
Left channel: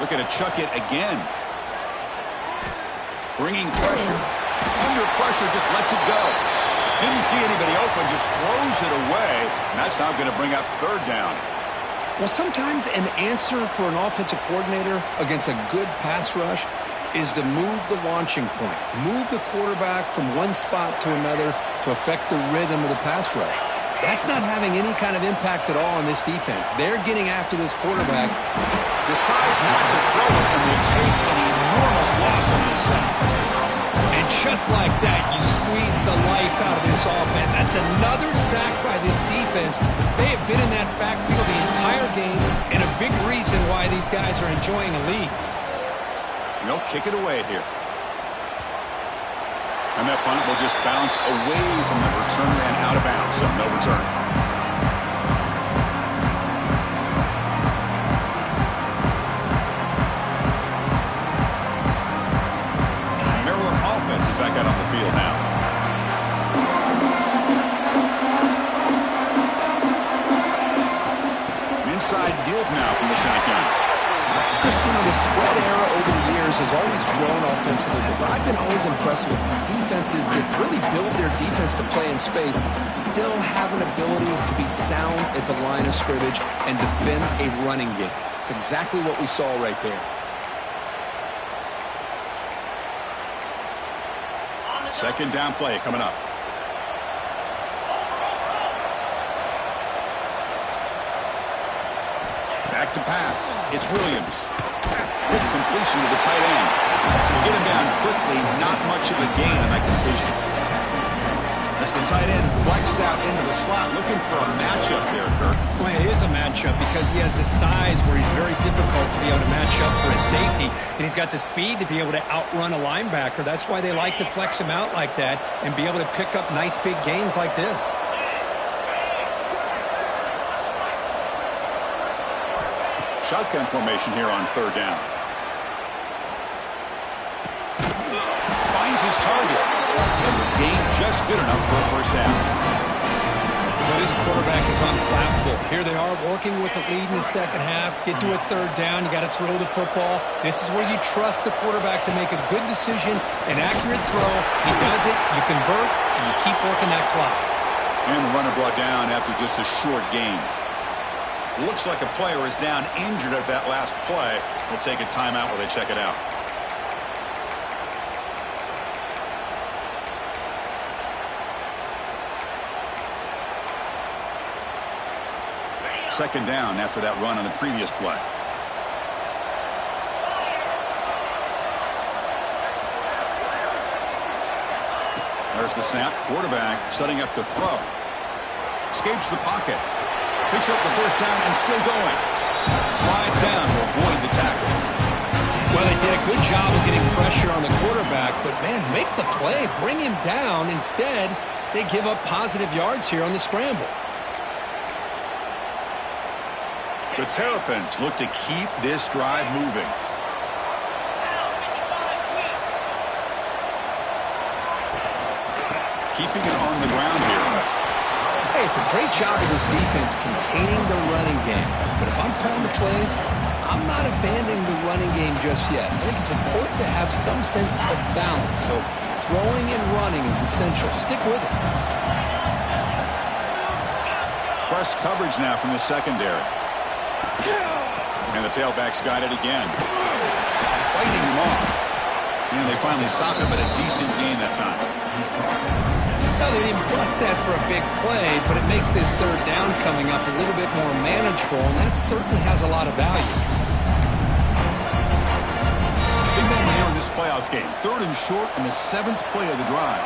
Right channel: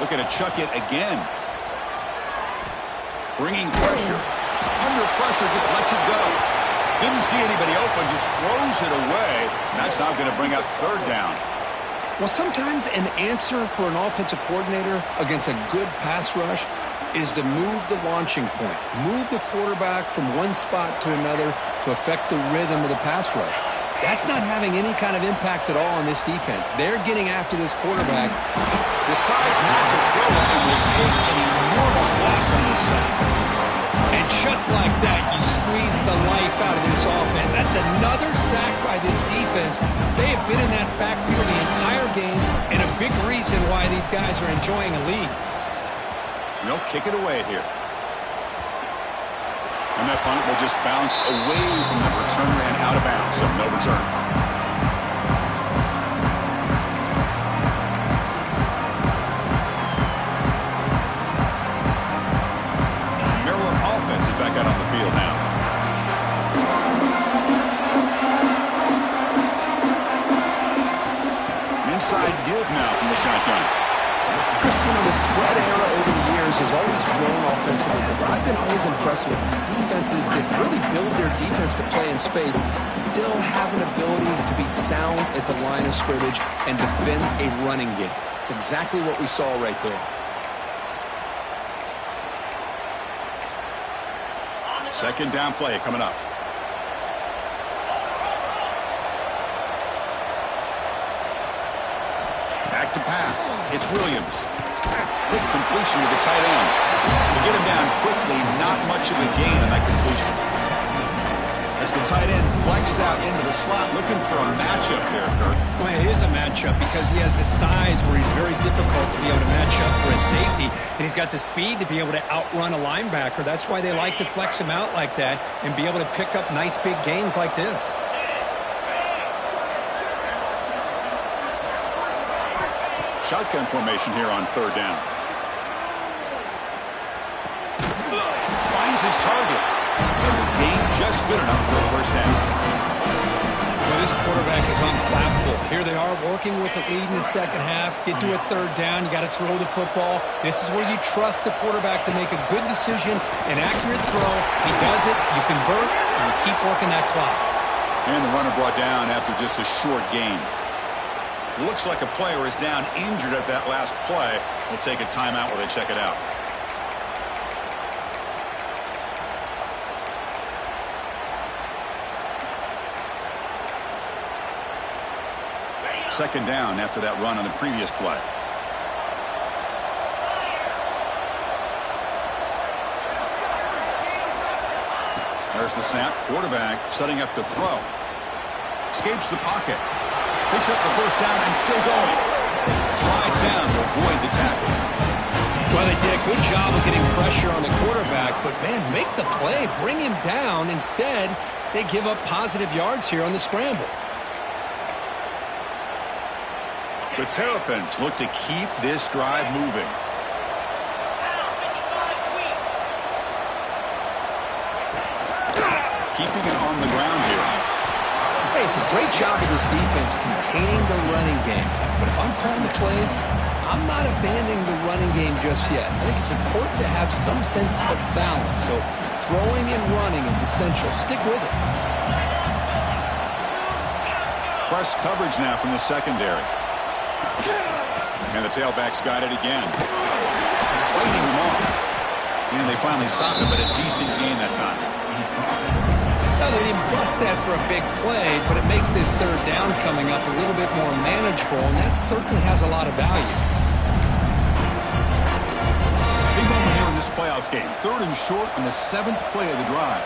Looking to chuck it again. Bringing pressure. Under pressure, just lets it go. Didn't see anybody open, just throws it away. And that's now going to bring out third down. Well, sometimes an answer for an offensive coordinator against a good pass rush is to move the launching point. Move the quarterback from one spot to another to affect the rhythm of the pass rush. That's not having any kind of impact at all on this defense. They're getting after this quarterback. Decides not to throw it and will take an enormous loss on this sack. And just like that, you squeeze the life out of this offense. That's another sack by this defense. They have been in that backfield the entire game, and a big reason why these guys are enjoying a lead. And they'll kick it away here. And that punt will just bounce away from the returner and out of bounds, so no return. Maryland offense is back out both now from the shotgun. Christine, the spread era over the years has always grown offensively, but I've been always impressed with defenses that really build their defense to play in space, still have an ability to be sound at the line of scrimmage and defend a running game. It's exactly what we saw right there. Second down play coming up. Back to pass. It's Williams. Quick completion to the tight end. We get him down quickly. Not much of a gain on that completion. As the tight end flexed out into the slot, looking for a matchup there, Kirk. Well, it is a matchup because he has the size where he's very difficult to be able to match up for his safety, and he's got the speed to be able to outrun a linebacker. That's why they like to flex him out like that and be able to pick up nice big gains like this. Shotgun formation here on third down. Finds his target. And the gain just good enough for a first down. Well, this quarterback is unflappable. Here they are working with the lead in the second half. Get to a third down. You got to throw the football. This is where you trust the quarterback to make a good decision, an accurate throw. He does it. You convert, and you keep working that clock. And the runner brought down after just a short gain. Looks like a player is down injured at that last play. We'll take a timeout while they check it out. Second down after that run on the previous play. There's the snap. Quarterback setting up to throw. Escapes the pocket. Picks up the first down and still going. Slides down to avoid the tackle. Well, they did a good job of getting pressure on the quarterback, but, man, make the play. Bring him down. Instead, they give up positive yards here on the scramble. The Terrapins look to keep this drive moving. Keeping it on the ground here. Hey, it's a great job of this defense containing the running game. But if I'm calling the plays, I'm not abandoning the running game just yet. I think it's important to have some sense of balance. So throwing and running is essential. Stick with it. Press coverage now from the secondary. And the tailbacks got it again. Fighting them off. And they finally stopped him, but a decent gain that time. Now, they didn't bust that for a big play, but it makes this third down coming up a little bit more manageable, and that certainly has a lot of value. Big moment here in this playoff game. Third and short on the 7th play of the drive.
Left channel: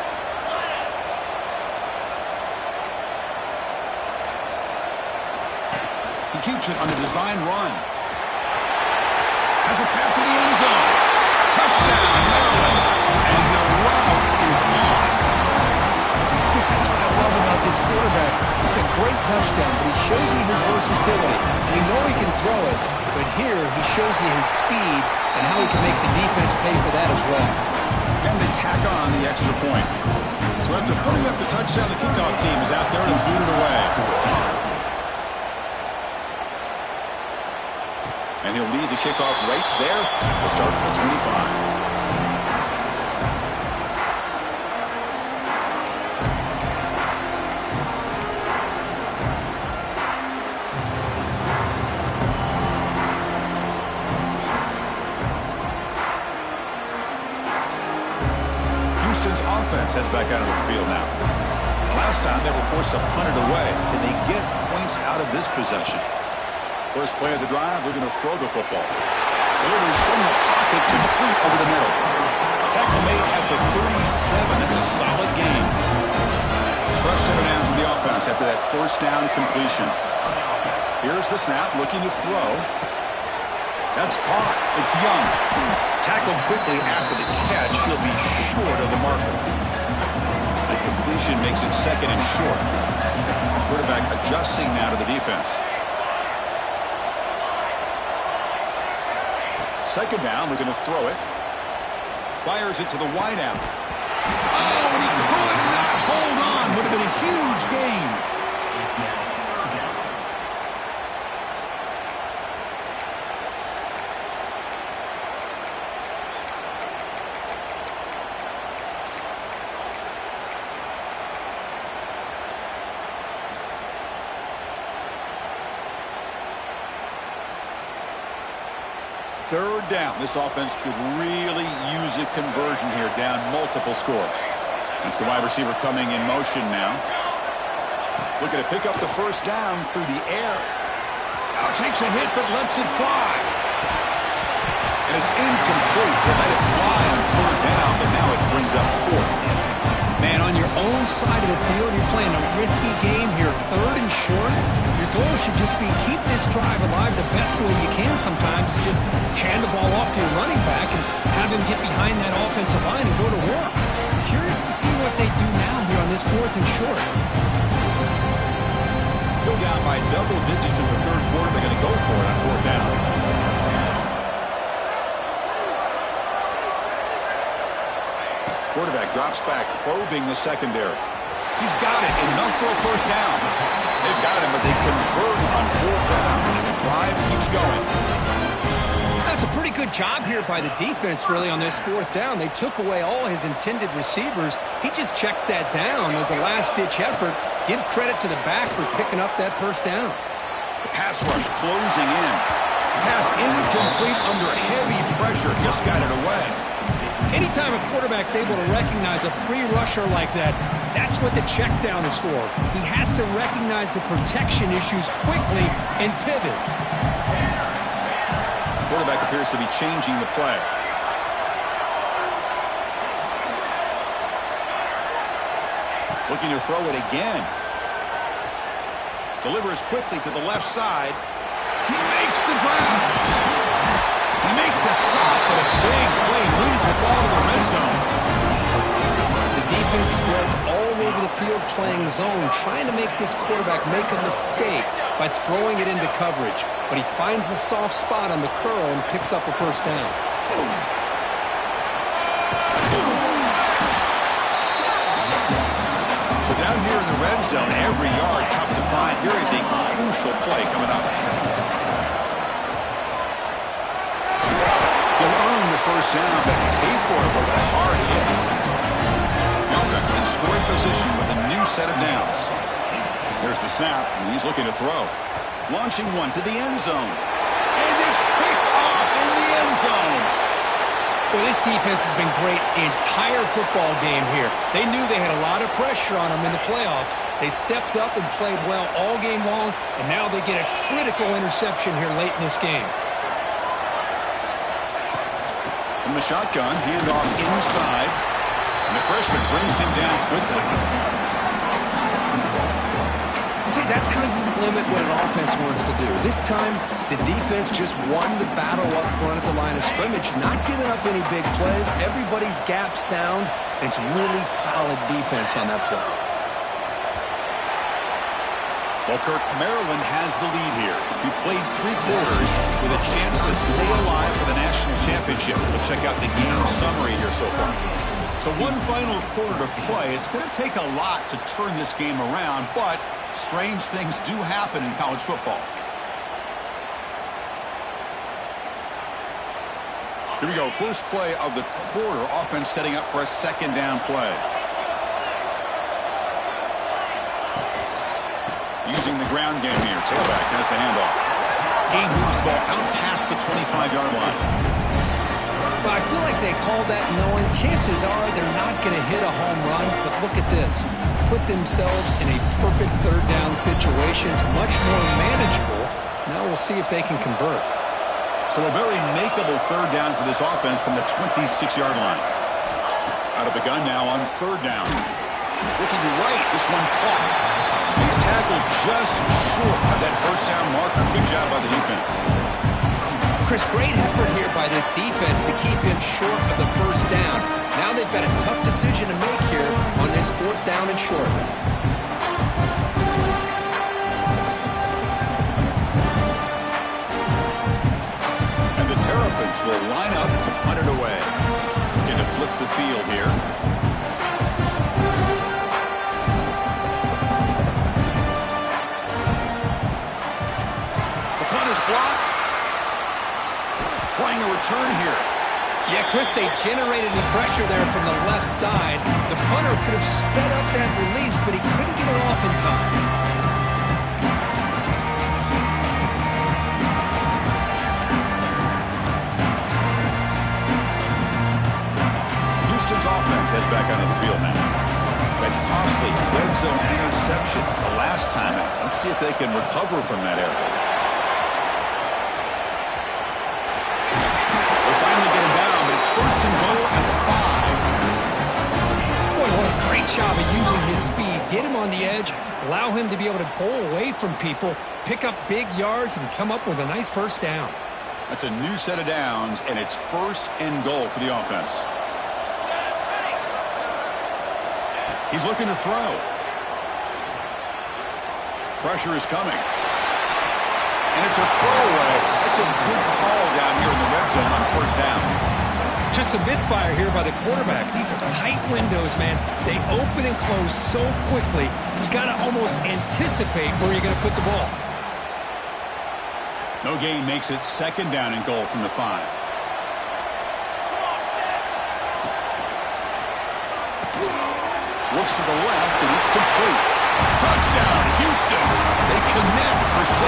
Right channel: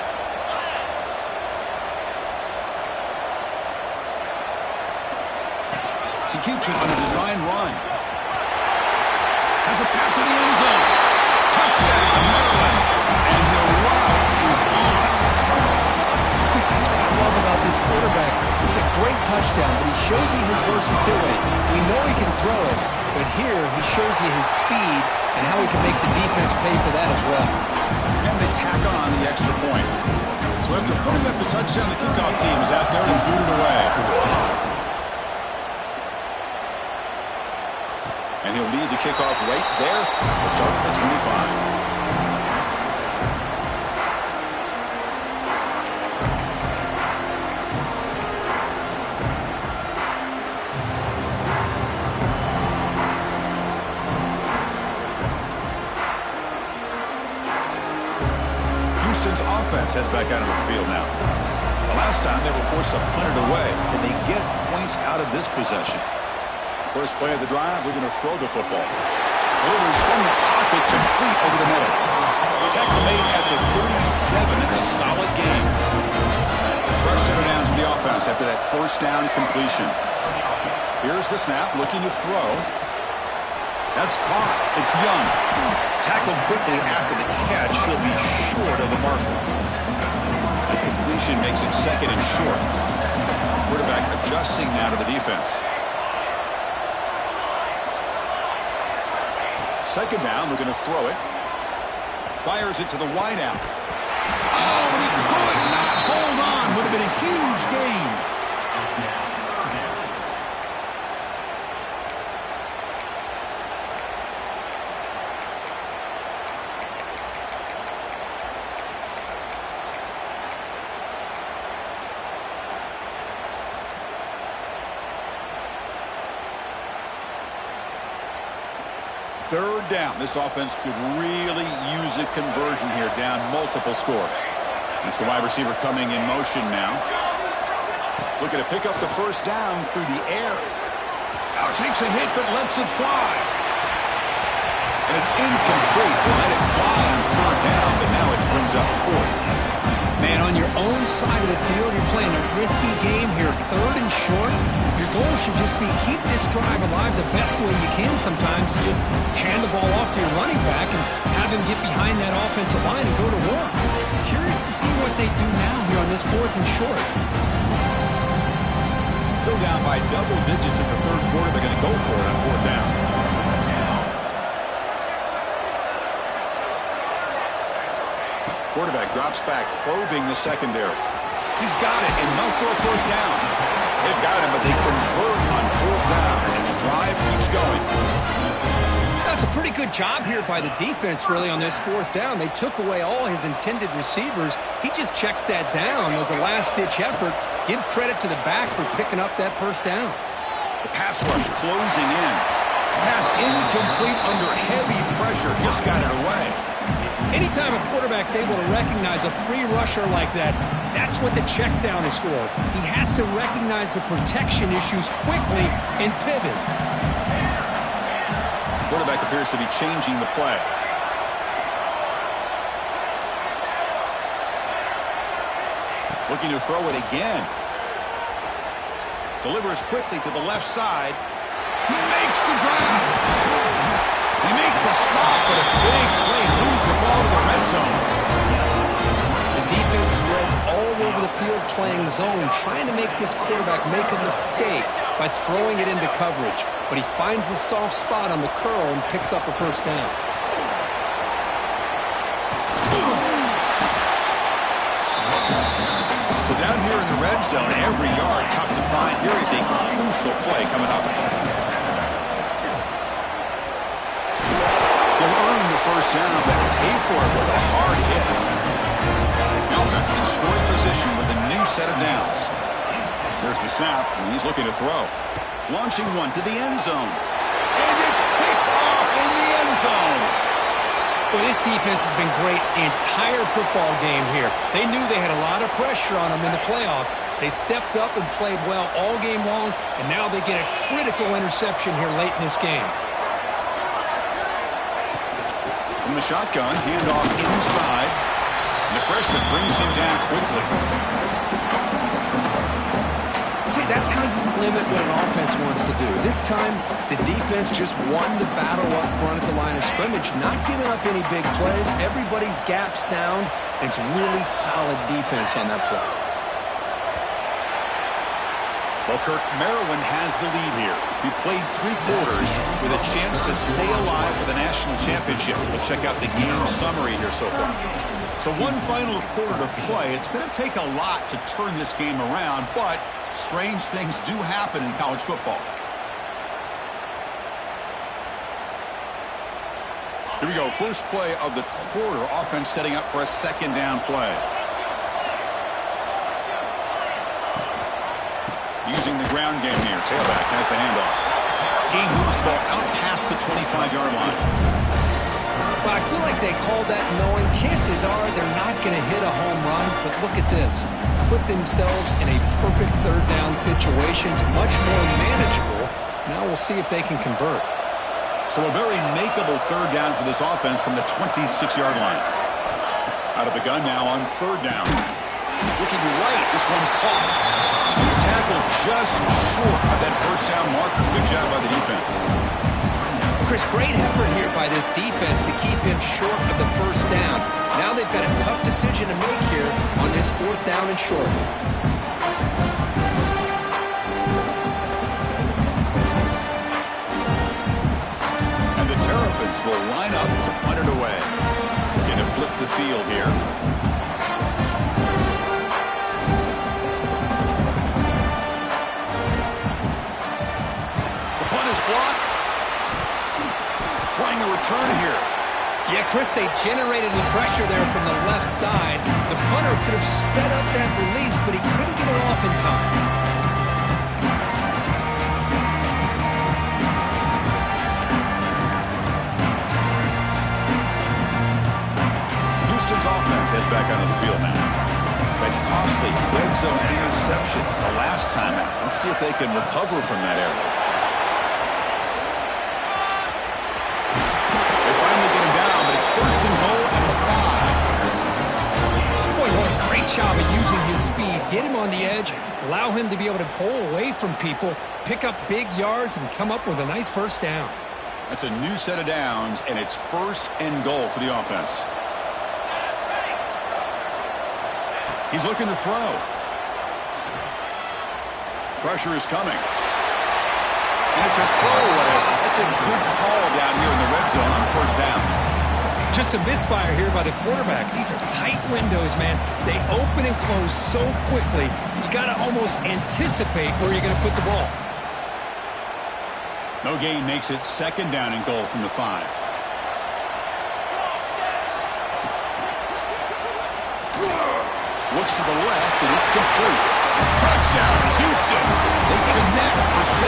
He keeps it on a design run. Has a path to the end zone. Touchdown, Maryland. And the route is on. Chris, that's what I love about this quarterback. It's a great touchdown, but he shows you his versatility. We know he can throw it, but here he shows you his speed and how he can make the defense pay for that as well. And they tack on the extra point. So after putting up the touchdown, the kickoff team is out there to boot it away. And he'll lead the kickoff right there to start at the 25. Houston's offense heads back out of the field now. The last time they were forced to punt it away. Can they get points out of this possession? First play of the drive, they're going to throw the football. Delivers from the pocket, complete over the middle. Tackle made at the 37. It's a solid gain. Fresh center down to the offense after that first down completion. Here's the snap, looking to throw. That's caught. It's Young. Tackled quickly after the catch. He'll be short of the marker. The completion makes it second and short. Quarterback adjusting now to the defense. Second down, we're going to throw it. Fires it to the wideout. Oh, and he could not hold on. Would have been a huge gain. 3rd down. This offense could really use a conversion here, down multiple scores. It's the wide receiver coming in motion now. Looking to pick up the 1st down through the air. Now takes a hit, but lets it fly. And it's incomplete. They let it fly on 3rd down, but now it brings up 4th. Man, on your own side of the field, you're playing a risky game here, 3rd and short. Your goal should just be keep this drive alive the best way you can sometimes. Is just hand the ball off to your running back and have him get behind that offensive line and go to work. Curious to see what they do now here on this 4th and short. Still down by double digits in the 3rd quarter. They're going to go for it on 4th down. Quarterback drops back, probing the secondary. He's got it. Enough for a 1st down. They've got him, but they convert on 4th down, and the drive keeps going. That's a pretty good job here by the defense, really, on this 4th down. They took away all his intended receivers. He just checks that down as a last-ditch effort. Give credit to the back for picking up that 1st down. The pass rush closing in. Pass incomplete under heavy pressure. Just got it away. Anytime a quarterback's able to recognize a free rusher like that, that's what the check down is for. He has to recognize the protection issues quickly and pivot. Quarterback appears to be changing the play. Looking to throw it again. Delivers quickly to the left side. He makes the grab. They make the stop, but a big play moves the ball to the red zone. The defense spreads all over the field playing zone, trying to make this quarterback make a mistake by throwing it into coverage. But he finds the soft spot on the curl and picks up a 1st down. So down here in the red zone, every yard tough to find. Here is a crucial play coming up. He'll earn the 1st down, but pay for it with a hard hit. The offense in scoring position with a new set of downs. There's the snap, and he's looking to throw. Launching one to the end zone. And it's picked off in the end zone. Well, this defense has been great the entire football game here. They knew they had a lot of pressure on them in the playoff. They stepped up and played well all game long, and now they get a critical interception here late in this game. From the shotgun, handoff inside. And the freshman brings him down quickly. See, that's how you limit what an offense wants to do. This time, the defense just won the battle up front at the line of scrimmage, not giving up any big plays. Everybody's gap sound. It's really solid defense on that play. Well, Kirk, Maryland has the lead here. We played 3 quarters with a chance to stay alive for the national championship. Let's check out the game summary here so far. So one final quarter to play. It's going to take a lot to turn this game around, but strange things do happen in college football. Here we go. First play of the quarter. Offense setting up for a 2nd down play. Using the ground game here. Tailback has the handoff. He moves the ball out past the 25-yard line. Well, I feel like they called that knowing chances are they're not going to hit a home run. But look at this. Put themselves in a perfect 3rd down situation. It's much more manageable. Now we'll see if they can convert. So a very makeable 3rd down for this offense from the 26-yard line. Out of the gun now on 3rd down. Looking right. This one caught. He's tackled just short of that 1st down marker. Good job by the defense. Chris, great effort here by this defense to keep him short of the 1st down. Now they've got a tough decision to make here on this 4th down and short. And the Terrapins will line up to punt it away. Looking to flip the field here. Is blocked. Trying a return here. Yeah, Chris, they generated the pressure there from the left side. The punter could have sped up that release, but he couldn't get it off in time. back onto the field now. That costly red zone interception the last time out. Let's see if they can recover from that error. They finally get him down, but it's first and goal at the 5. Boy, what a great job of using his speed. Get him on the edge, allow him to be able to pull away from people, pick up big yards, and come up with a nice first down. That's a new set of downs, and it's first and goal for the offense. He's looking to throw. Pressure is coming. And it's a throwaway. That's a good call down here in the red zone on first down. Just a misfire here by the quarterback. These are tight windows, man. They open and close so quickly, you got to almost anticipate where you're going to put the ball. No gain makes it second down and goal from the 5. Looks to the left, and it's complete. Touchdown, Houston. They connect for 6.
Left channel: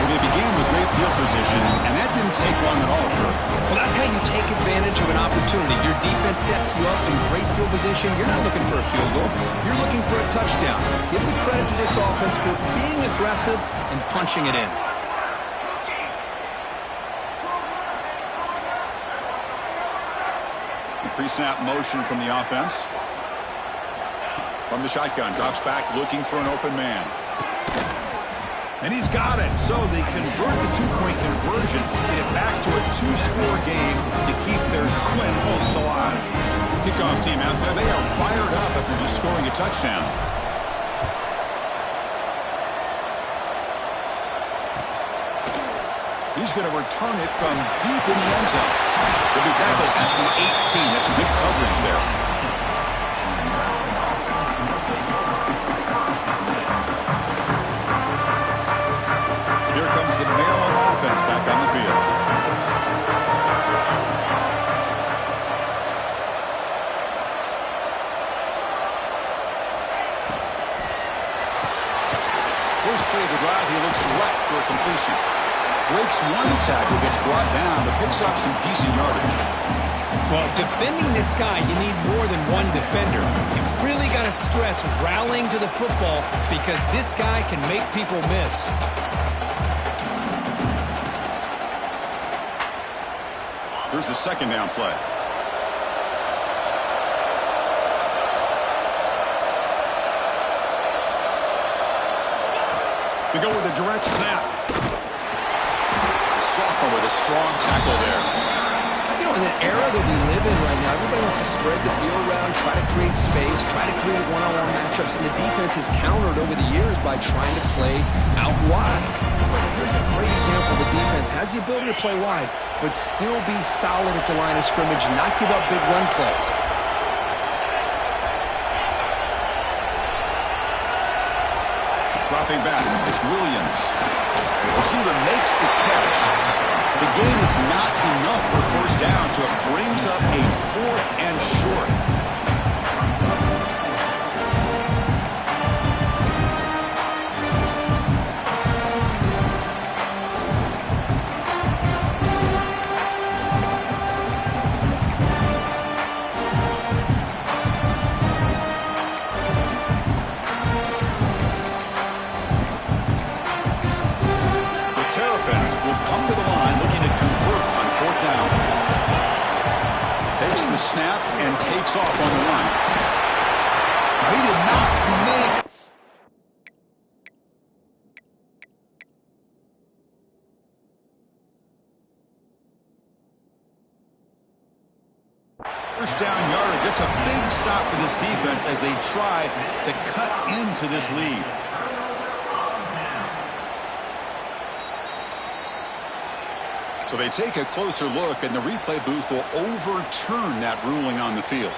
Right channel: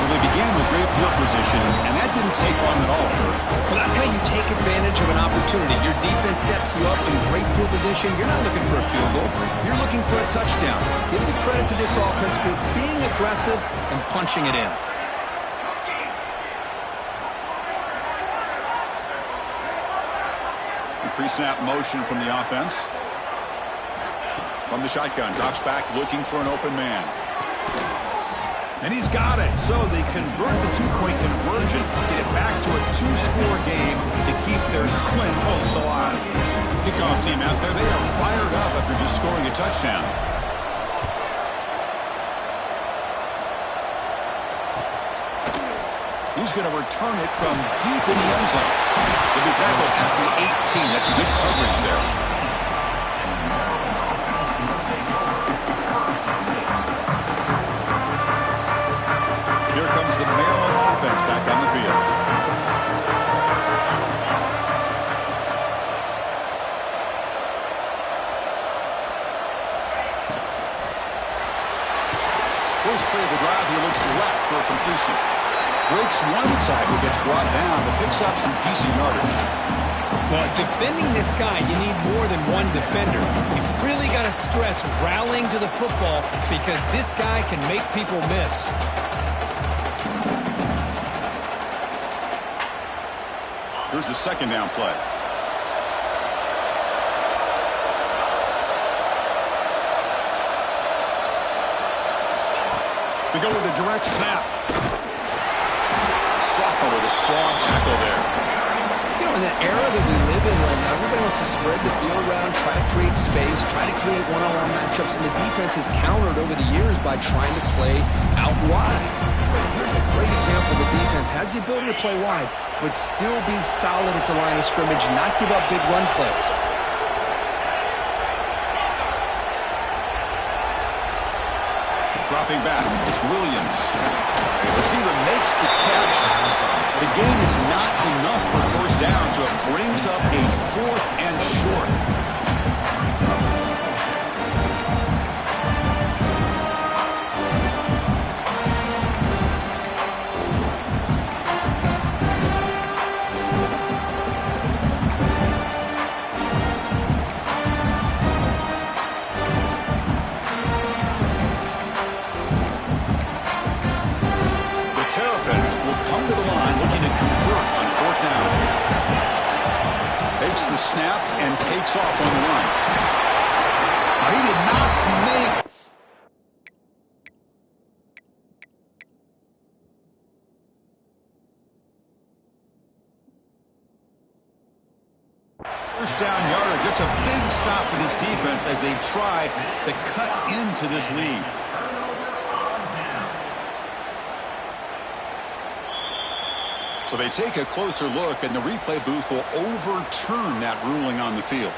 Well, they began with great field position, and that didn't take long at all, Kirk. Well, that's how you take advantage of an opportunity. Your defense sets you up in great field position. You're not looking for a field goal. You're looking for a touchdown. Give the credit to this offense for being aggressive and punching it in. Pre-snap motion from the offense. From the shotgun, drops back looking for an open man. And he's got it. So they convert the two-point conversion, get it back to a 2-score game to keep their slim hopes alive. Kickoff team out there, they are fired up after just scoring a touchdown. He's going to return it from deep in the end zone. He'll be tackled at the 18. That's good coverage there. Here comes the Maryland offense back on the field. First play of the drive, he looks left for a completion. Breaks one tackle, gets brought down, but picks up some decent yardage. Well, defending this guy, you need more than one defender. You really got to stress rallying to the football because this guy can make people miss. Here's the second down play. They go with a direct snap. Sophomore with a strong tackle there. You know, in that era that we live in right now, everybody wants to spread the field around, try to create space, try to create one-on-one matchups, and the defense has countered over the years by trying to play out wide. But here's a great example. The defense has the ability to play wide, but still be solid at the line of scrimmage, not give up big run plays. Dropping back, it's Williams. Receiver makes the catch. The gain is not enough for first down, so it brings up a 4th and short. Terrapins will come to the line looking to convert on 4th down. Takes the snap and takes off on the run. He did not make... First down yardage. It's a big stop for this defense as they try to cut into this lead. So they take a closer look, and the replay booth will overturn that ruling on the field.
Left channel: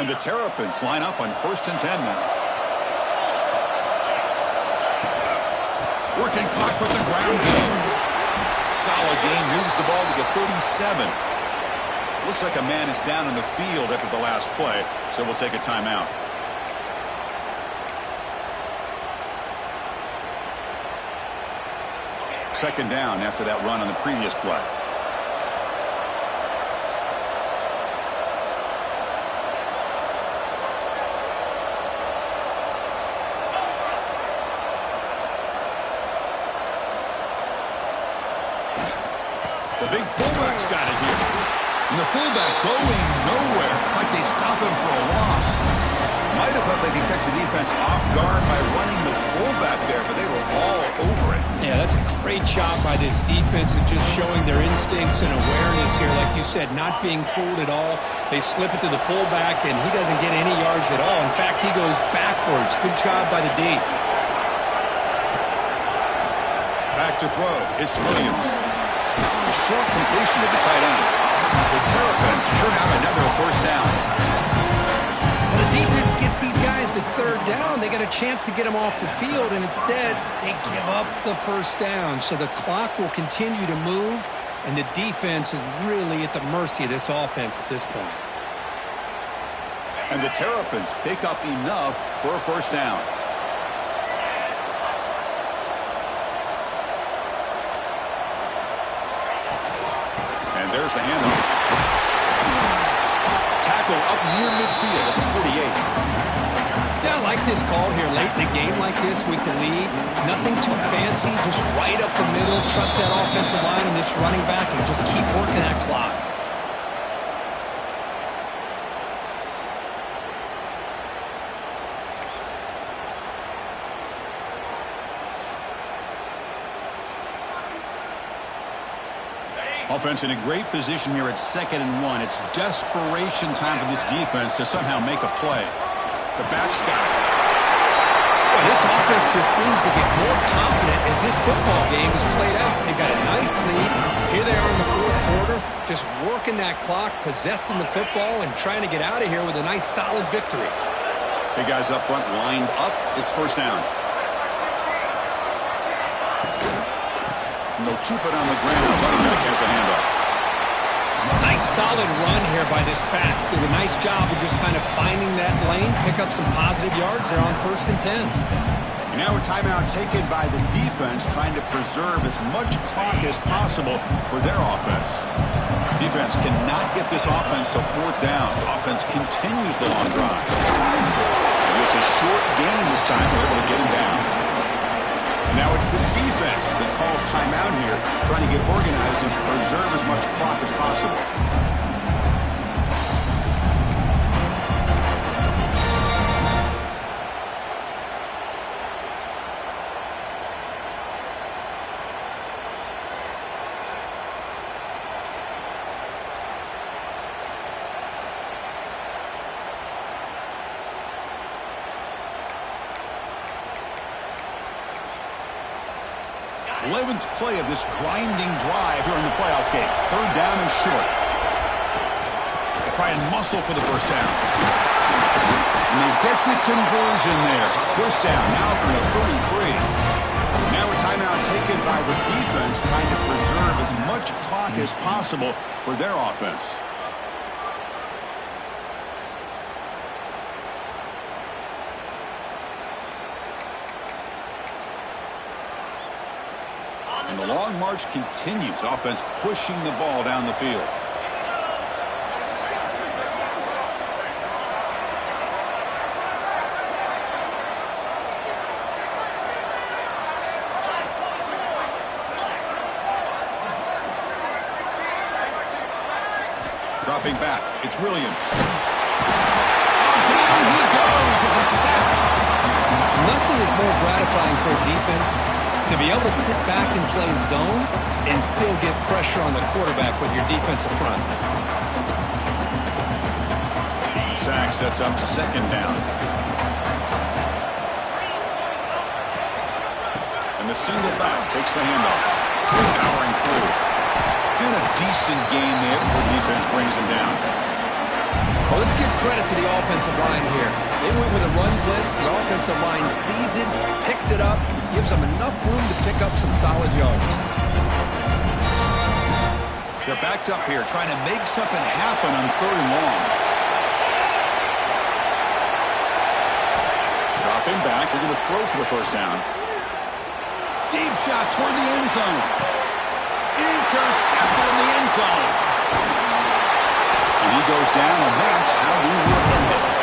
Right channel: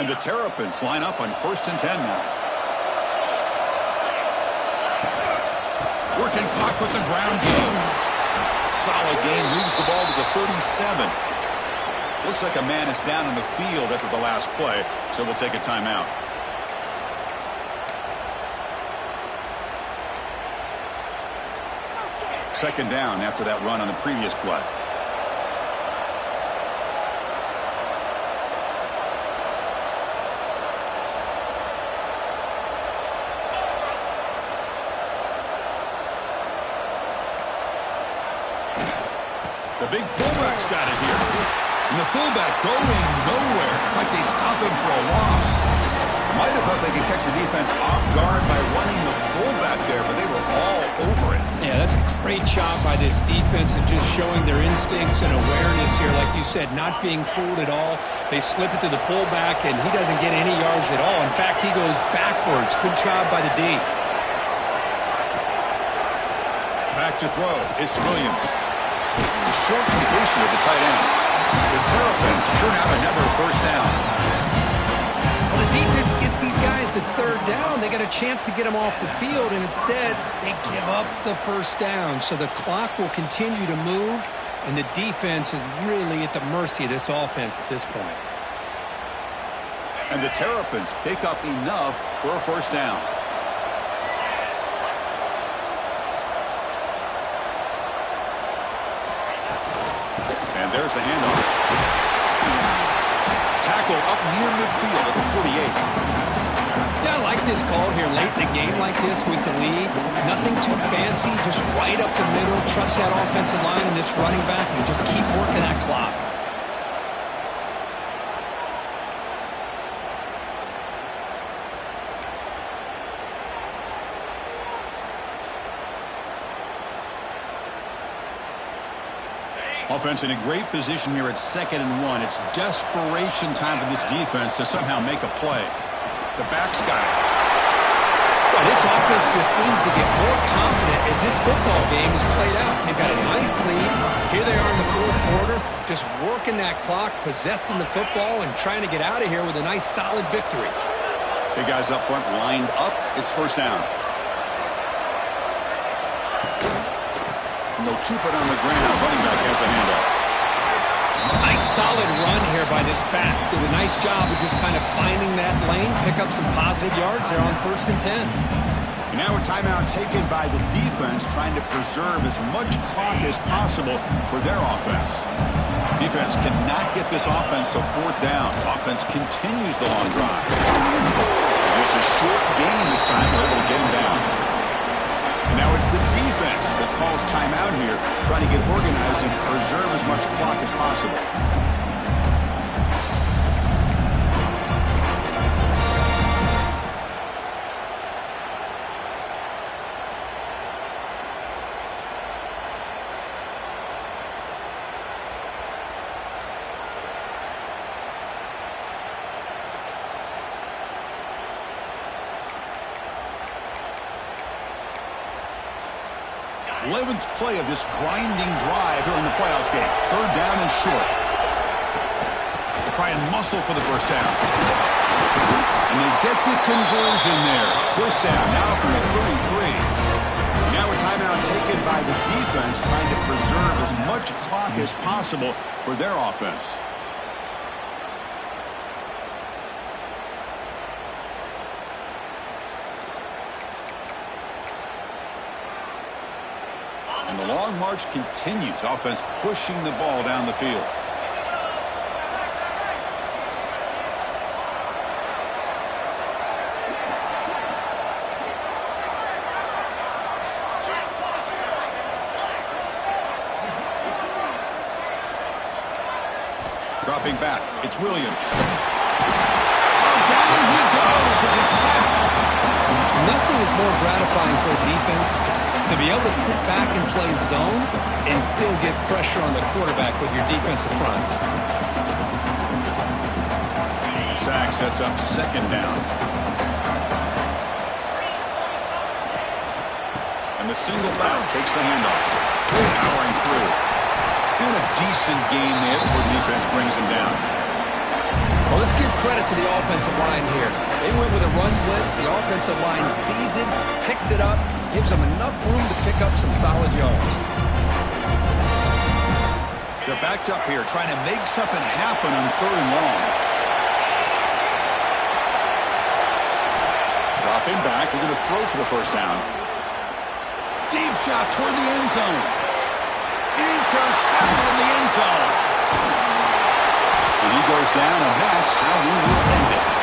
And the Terrapins line up on 1st and 10 now. Working clock with the ground game. Solid gain, moves the ball to the 37. Looks like a man is down on the field after the last play, so we'll take a timeout. Second down after that run on the previous play. The big fullback's got it here. And the fullback going nowhere, like they stop him for a loss. Might have thought they could catch the defense off guard by running the fullback there, but they were all over it. Yeah, that's a great job by this defense of just showing their instincts and awareness here. Like you said, not being fooled at all. They slip it to the fullback, and he doesn't get any yards at all. In fact, he goes backwards. Good job by the D. Back to throw. It's Williams. A short completion of the tight end. The Terrapins churn out another first down. Well, the defense gets these guys to third down. They got a chance to get them off the field, and instead they give up the first down. So the clock will continue to move, and the defense is really at the mercy of this offense at this point. And the Terrapins pick up enough for a first down. And there's the handoff. Tackle up near midfield at the 48. Yeah, I like this call here late in the game like this with the lead. Nothing too fancy, just right up the middle. Trust that offensive line and this running back and just keep working that clock. Offense in a great position here at 2nd and 1. It's desperation time for this defense to somehow make a play. The back's got it. Well, this offense just seems to get more confident as this football game is played out. They've got a nice lead. Here they are in the 4th quarter, just working that clock, possessing the football, and trying to get out of here with a nice, solid victory. Big guys up front lined up. It's first down. And they'll keep it on the ground. Running back has the handoff. Nice solid run here by this back. Did a nice job of just kind of finding that lane, pick up some positive yards there on 1st and 10. And now a timeout taken by the defense, trying to preserve as much clock as possible for their offense. Defense cannot get this offense to 4th down. Offense continues the long drive. And just a short gain this time. They're able to get him down. And now it's the defense that calls timeout here, trying to get organized and preserve as much clock as possible. Eleventh play of this grinding drive here in the playoff game. 3rd down and short. They try and muscle for the first down. And they get the conversion there. First down now from the 33. Now a timeout taken by the defense, trying to preserve as much clock as possible for their offense. And the long march continues. Offense pushing the ball down the field. Dropping back. It's Williams. Oh, down he goes. It's a sack. Nothing is more gratifying for a defense to be able to sit back and play zone and still get pressure on the quarterback with your defensive front. The sack sets up 2nd down. And the single back takes the handoff. Powering through. And a decent gain there before the defense brings him down. Well, let's give credit to the offensive line here. They went with a run blitz. The offensive line sees it, picks it up, gives them enough room to pick up some solid yards. They're backed up here trying to make something happen on 3rd and long. Dropping back. They're going to throw for the first down. Deep shot toward the end zone. Intercepted in the end zone. And he goes down, and that's how we will end it.